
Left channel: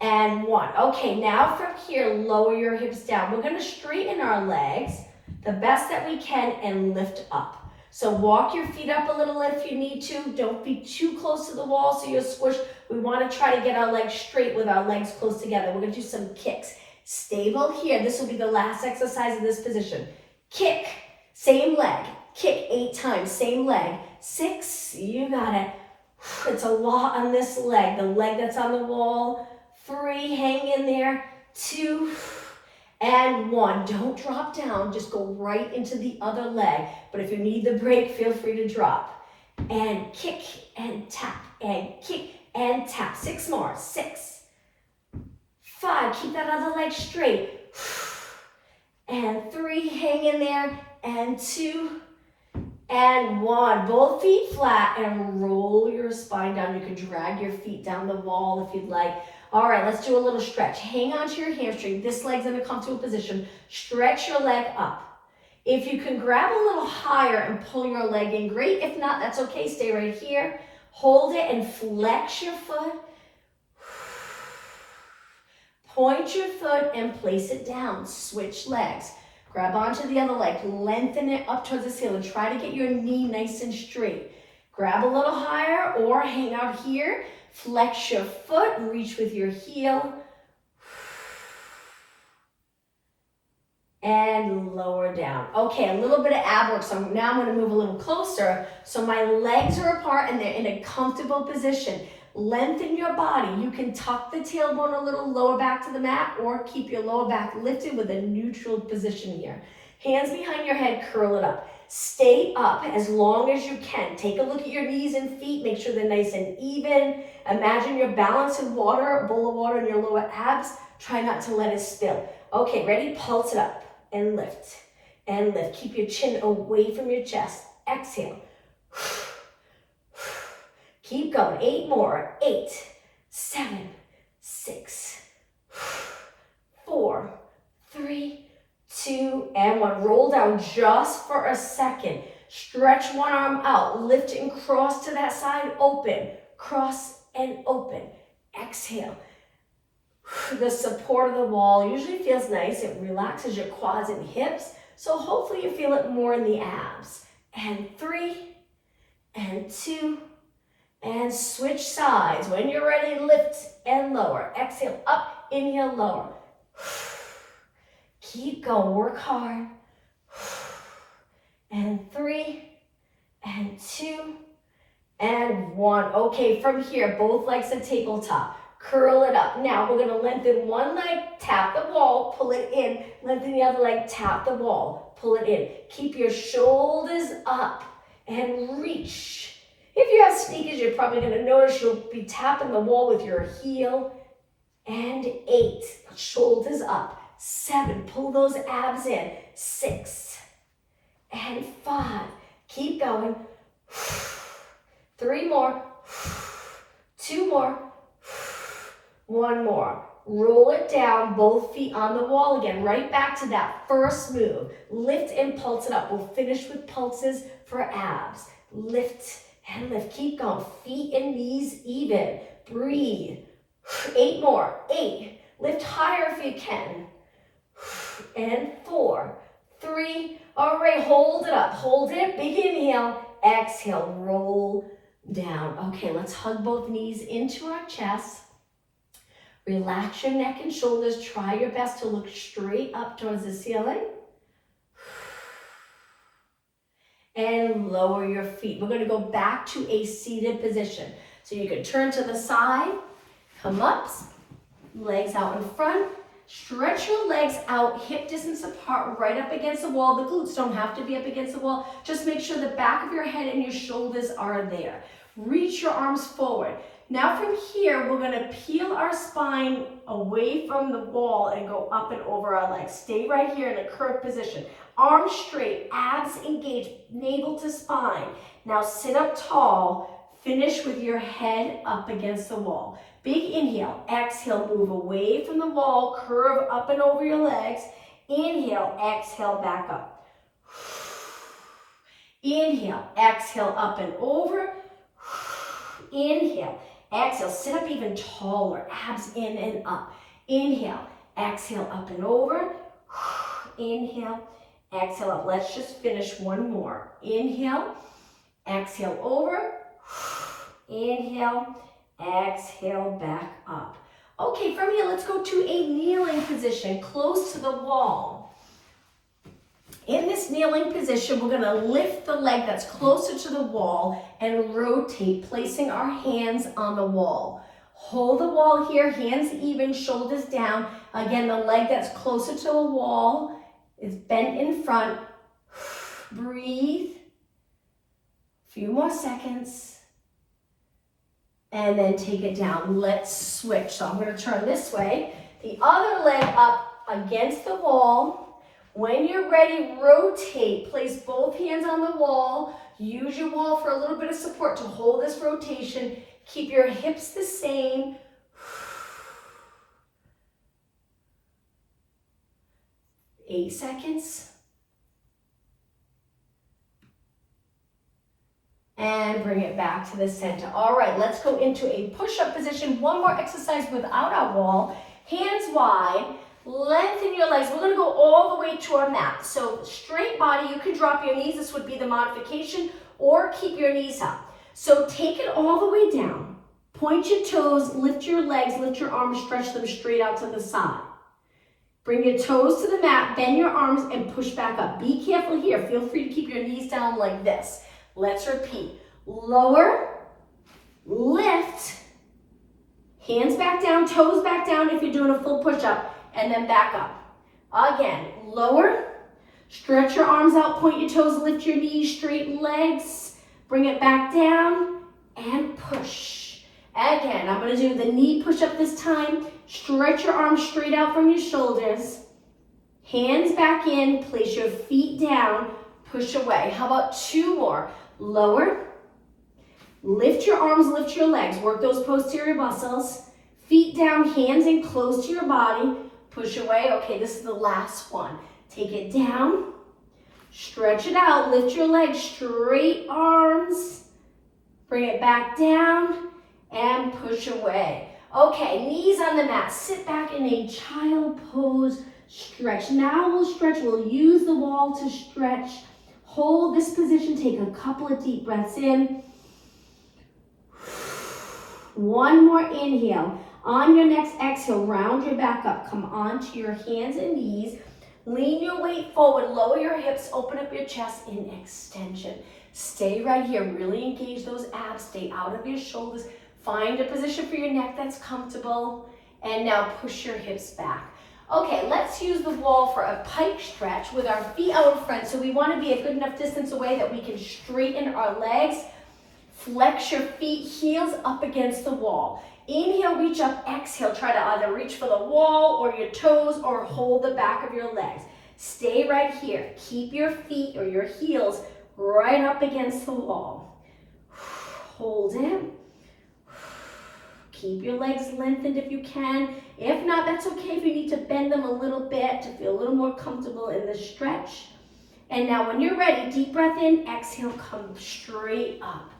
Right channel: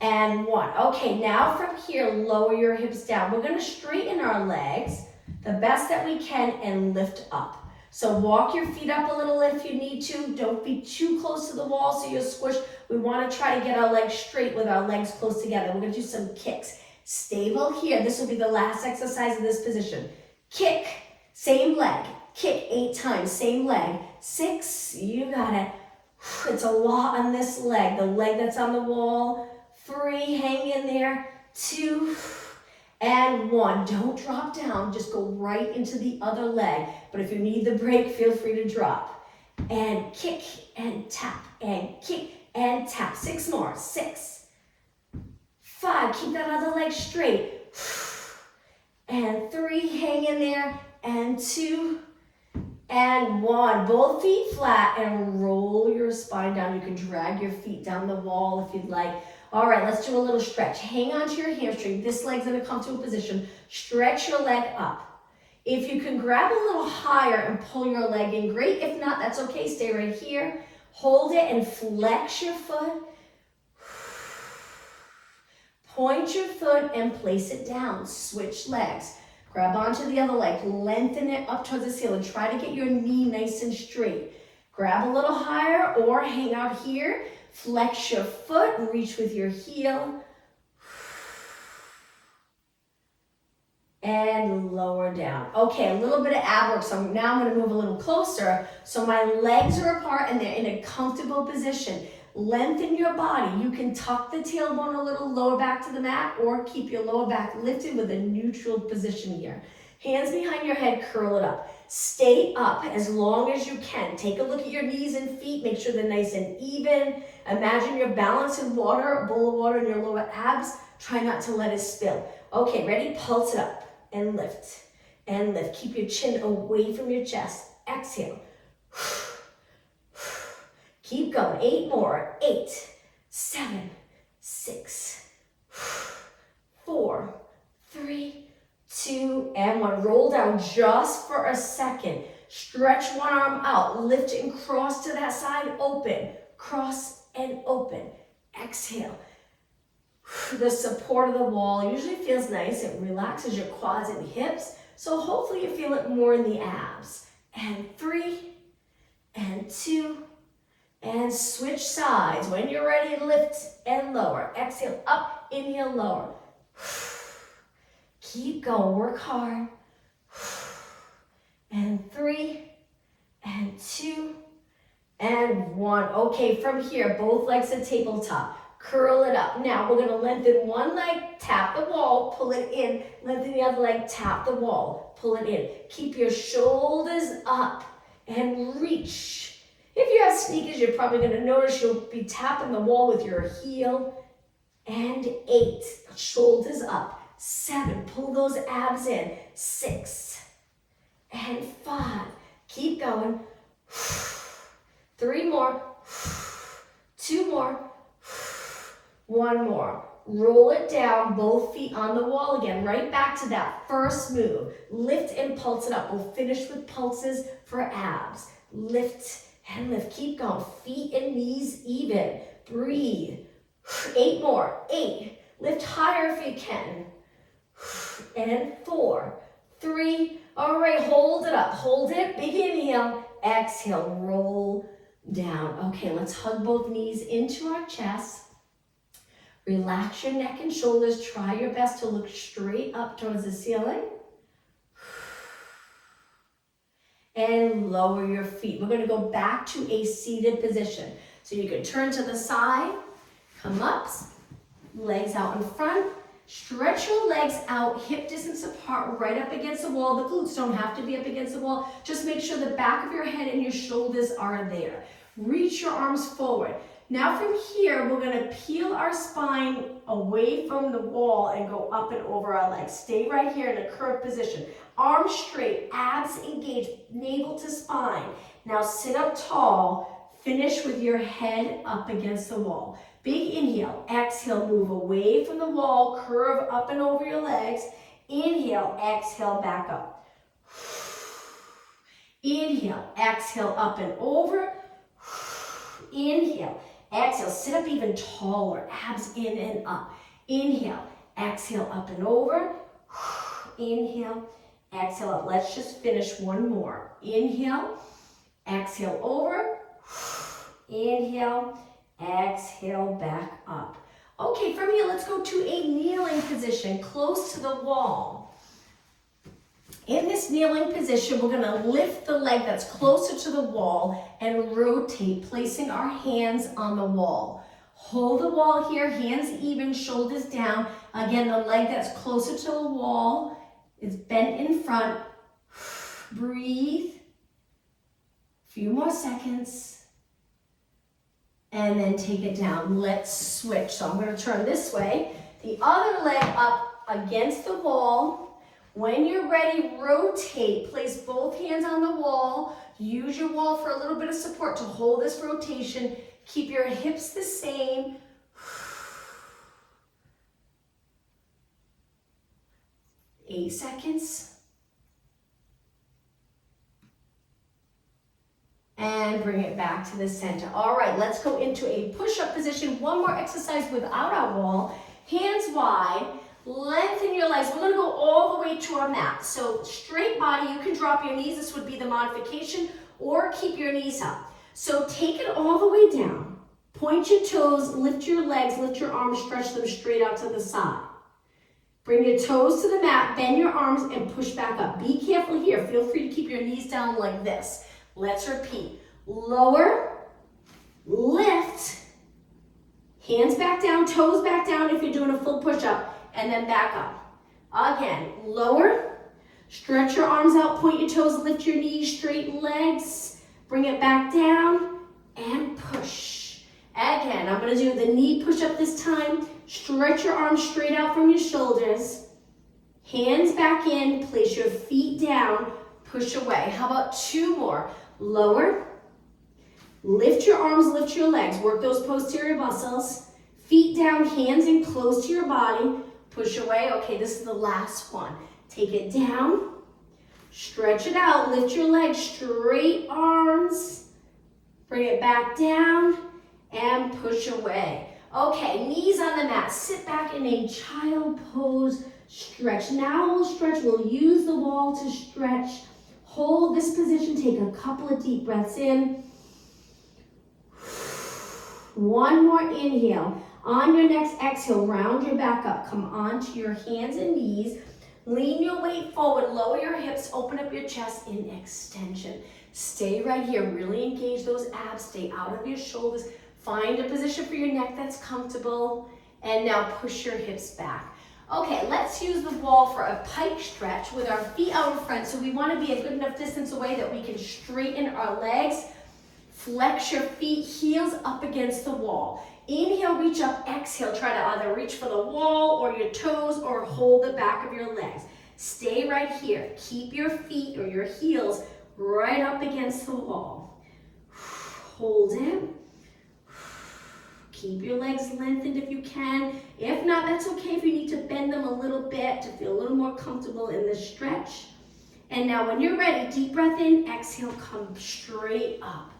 and 1. Okay, now from here, lower your hips down. We're going to straighten our legs the best that we can and lift up. So walk your feet up a little if you need to. Don't be too close to the wall so you're squished. We want to try to get our legs straight with our legs close together. We're going to do some kicks. Stable here. This will be the last exercise in this position. Kick, same leg. Kick 8 times, same leg. 6, you got it. It's a lot on this leg, the leg that's on the wall. 3, hang in there. 2, and 1. Don't drop down, just go right into the other leg. But if you need the break, feel free to drop. And kick and tap, and kick and tap. 6 more. 6, 5, keep that other leg straight. And 3, hang in there. And 2, and 1. Both feet flat and roll your spine down. You can drag your feet down the wall if you'd like. All right, let's do a little stretch. Hang on to your hamstring. This leg's in a comfortable position. Stretch your leg up. If you can grab a little higher and pull your leg in, great. If not, that's okay. Stay right here. Hold it and flex your foot. Point your foot and place it down. Switch legs. Grab onto the other leg, lengthen it up towards the ceiling. Try to get your knee nice and straight. Grab a little higher or hang out here. Flex your foot and reach with your heel. And lower down. Okay, a little bit of ab work. So now I'm going to move a little closer. So my legs are apart and they're in a comfortable position. Lengthen your body. You can tuck the tailbone a little lower back to the mat or keep your lower back lifted with a neutral position here. Hands behind your head, curl it up. Stay up as long as you can. Take a look at your knees and feet. Make sure they're nice and even. Imagine you're balancing water, a bowl of water on your lower abs. Try not to let it spill. Okay, ready? Pulse it up and lift and lift. Keep your chin away from your chest. Exhale. Keep going. 8 more. 8, 7, 6, 4, 3, 2, and 1. Roll down just for a second. Stretch one arm out. Lift and cross to that side. Open. Cross and open. Exhale. The support of the wall usually feels nice. It relaxes your quads and hips. So hopefully you feel it more in the abs. And 3, and 2, and switch sides. When you're ready, lift and lower. Exhale, up, inhale, lower. Keep going, work hard. And 3, and 2, and 1. Okay, from here, both legs to tabletop. Curl it up. Now we're gonna lengthen one leg, tap the wall, pull it in. Lengthen the other leg, tap the wall, pull it in. Keep your shoulders up and reach. If you have sneakers, you're probably gonna notice you'll be tapping the wall with your heel. And 8, shoulders up. 7, pull those abs in. 6, and 5, keep going. 3 more, 2 more, 1 more. Roll it down, both feet on the wall again. Right back to that first move. Lift and pulse it up. We'll finish with pulses for abs. Lift and lift. Keep going. Feet and knees even. Breathe. 8 more. 8. Lift higher if you can. And 4, 3. All right, hold it up. Hold it. Big inhale. Exhale. Roll down. Okay, let's hug both knees into our chest. Relax your neck and shoulders. Try your best to look straight up towards the ceiling. And lower your feet. We're going to go back to a seated position. So you can turn to the side, come up, legs out in front. Stretch your legs out, hip distance apart, right up against the wall. The glutes don't have to be up against the wall. Just make sure the back of your head and your shoulders are there. Reach your arms forward. Now from here, we're gonna peel our spine away from the wall and go up and over our legs. Stay right here in a curved position. Arms straight, abs engaged, navel to spine. Now sit up tall, finish with your head up against the wall. Big inhale, exhale, move away from the wall, curve up and over your legs. Inhale, exhale, back up. Inhale, exhale, up and over. Inhale, exhale, sit up even taller, abs in and up. Inhale, exhale, up and over. Inhale, exhale, up. Let's just finish one more. Inhale, exhale, over. Inhale, exhale, back up. Okay, from here, let's go to a kneeling position close to the wall. In this kneeling position, we're gonna lift the leg that's closer to the wall and rotate, placing our hands on the wall. Hold the wall here, hands even, shoulders down. Again, the leg that's closer to the wall is bent in front. Breathe. A few more seconds. And then take it down. Let's switch. So I'm gonna turn this way. The other leg up against the wall. When you're ready, rotate. Place both hands on the wall. Use your wall for a little bit of support to hold this rotation. Keep your hips the same. 8 seconds. And bring it back to the center. All right, let's go into a push-up position. One more exercise without our wall. Hands wide. Lengthen your legs. We're going to go all the way to our mat. So straight body, you can drop your knees. This would be the modification, or keep your knees up. So take it all the way down. Point your toes, lift your legs, lift your arms, stretch them straight out to the side. Bring your toes to the mat, bend your arms, and push back up. Be careful here. Feel free to keep your knees down like this. Let's repeat. Lower, lift, hands back down, toes back down if you're doing a full push-up. And then back up. Again, lower, stretch your arms out, point your toes, lift your knees, straighten legs, bring it back down, and push. Again, I'm gonna do the knee push-up this time. Stretch your arms straight out from your shoulders, hands back in, place your feet down, push away. How about 2 more? Lower, lift your arms, lift your legs, work those posterior muscles, feet down, hands in close to your body, push away. Okay, this is the last one. Take it down. Stretch it out. Lift your legs, straight arms. Bring it back down and push away. Okay, knees on the mat. Sit back in a child pose. Stretch. Now we'll stretch. We'll use the wall to stretch. Hold this position. Take a couple of deep breaths in. One more inhale. On your next exhale, round your back up. Come onto your hands and knees. Lean your weight forward. Lower your hips. Open up your chest in extension. Stay right here. Really engage those abs. Stay out of your shoulders. Find a position for your neck that's comfortable. And now push your hips back. Okay, let's use the wall for a pike stretch with our feet out in front. So we want to be a good enough distance away that we can straighten our legs. Flex your feet, heels up against the wall. Inhale, reach up. Exhale, try to either reach for the wall or your toes or hold the back of your legs. Stay right here. Keep your feet or your heels right up against the wall. Hold it. Keep your legs lengthened if you can. If not, that's okay if you need to bend them a little bit to feel a little more comfortable in the stretch. And now when you're ready, deep breath in, exhale, come straight up.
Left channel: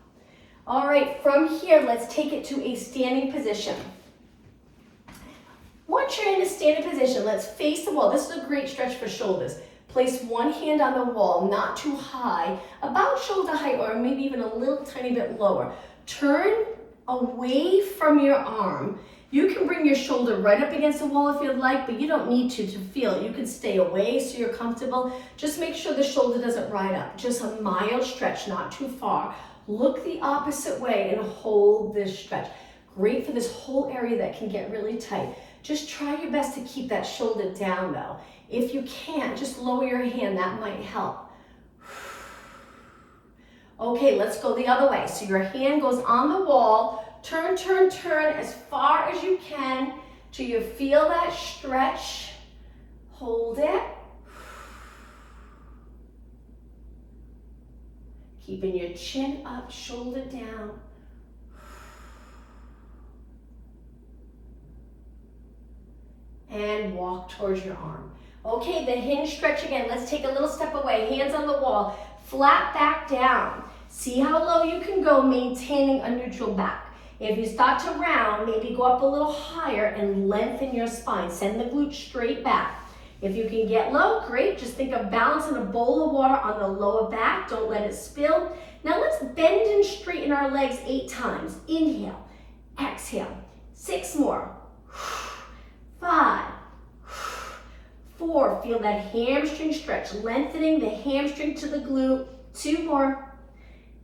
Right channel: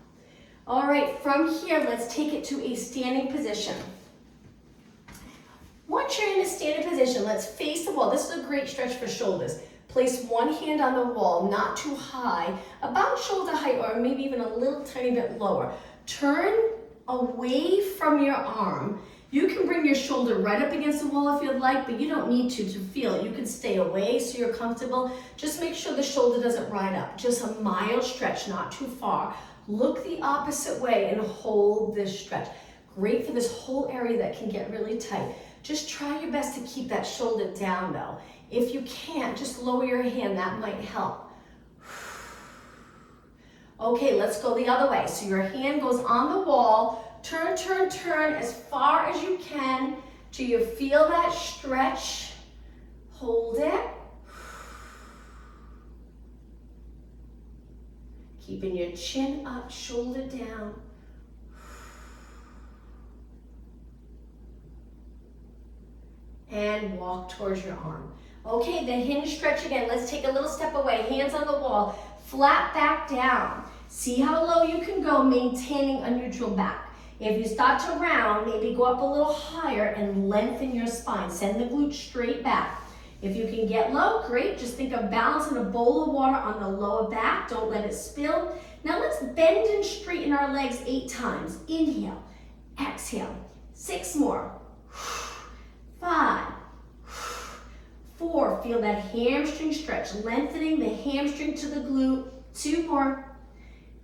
All right, from here, let's take it to a standing position. Once you're in a standing position, let's face the wall. This is a great stretch for shoulders. Place one hand on the wall, not too high, about shoulder height or maybe even a little tiny bit lower. Turn away from your arm. You can bring your shoulder right up against the wall if you'd like, but you don't need to feel it. You can stay away so you're comfortable. Just make sure the shoulder doesn't ride up. Just a mild stretch, not too far. Look the opposite way and hold this stretch. Great for this whole area that can get really tight. Just try your best to keep that shoulder down though. If you can't, just lower your hand, that might help. Okay, let's go the other way. So your hand goes on the wall. Turn, turn, turn as far as you can till you feel that stretch. Hold it. Keeping your chin up, shoulder down. And walk towards your arm. Okay, the hinge stretch again. Let's take a little step away. Hands on the wall. Flat back down. See how low you can go, maintaining a neutral back. If you start to round, maybe go up a little higher and lengthen your spine. Send the glutes straight back. If you can get low, great. Just think of balancing a bowl of water on the lower back. Don't let it spill. Now let's bend and straighten our legs 8 times. Inhale, exhale. 6 more. 5, 4. Feel that hamstring stretch, lengthening the hamstring to the glute. 2 more.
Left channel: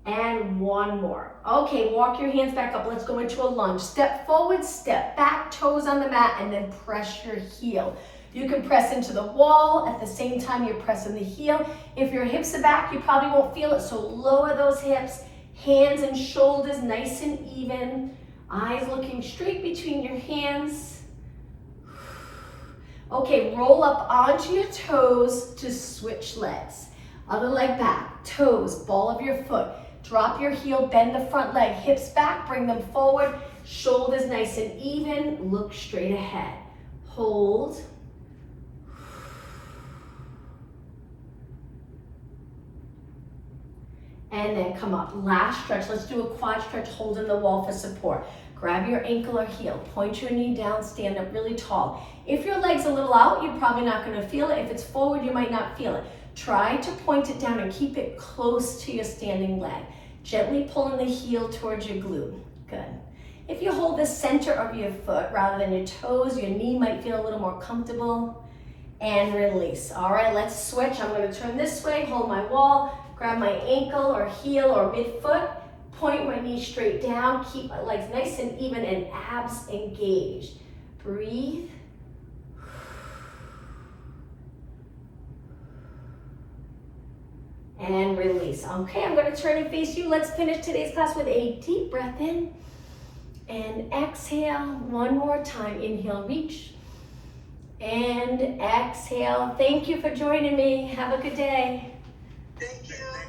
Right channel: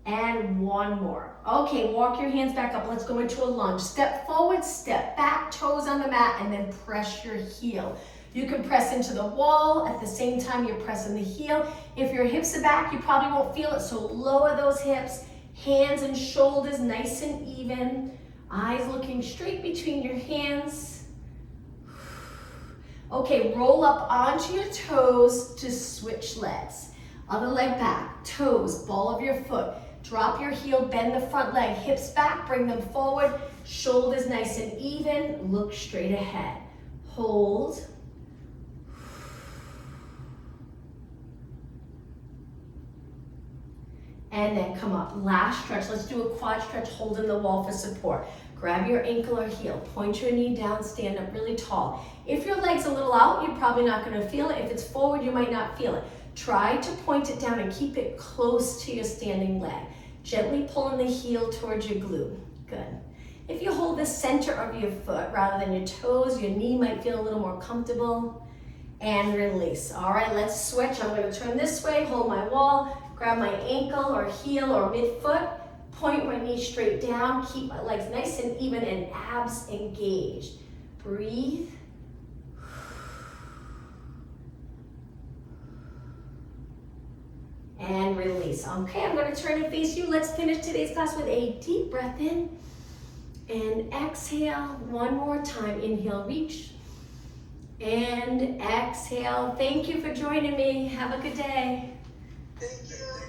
And 1 more. Okay, walk your hands back up. Let's go into a lunge. Step forward, step back, toes on the mat, and then press your heel. You can press into the wall at the same time you're pressing the heel. If your hips are back, you probably won't feel it, so lower those hips. Hands and shoulders nice and even. Eyes looking straight between your hands. Okay, roll up onto your toes to switch legs. Other leg back, toes, ball of your foot. Drop your heel, bend the front leg, hips back, bring them forward. Shoulders nice and even, look straight ahead. Hold. And then come up. Last stretch. Let's do a quad stretch, holding the wall for support. Grab your ankle or heel, point your knee down, stand up really tall. If your leg's a little out, you're probably not going to feel it. If it's forward, you might not feel it. Try to point it down and keep it close to your standing leg. Gently pulling the heel towards your glute. Good. If you hold the center of your foot rather than your toes, your knee might feel a little more comfortable. And release. All right, let's switch. I'm going to turn this way, hold my wall, grab my ankle or heel or midfoot, point my knee straight down, keep my legs nice and even and abs engaged. Breathe. And release. Okay, I'm going to turn and face you. Let's finish today's class with a deep breath in and exhale. One more time. Inhale, reach, and exhale. Thank you for joining me. Have a good day.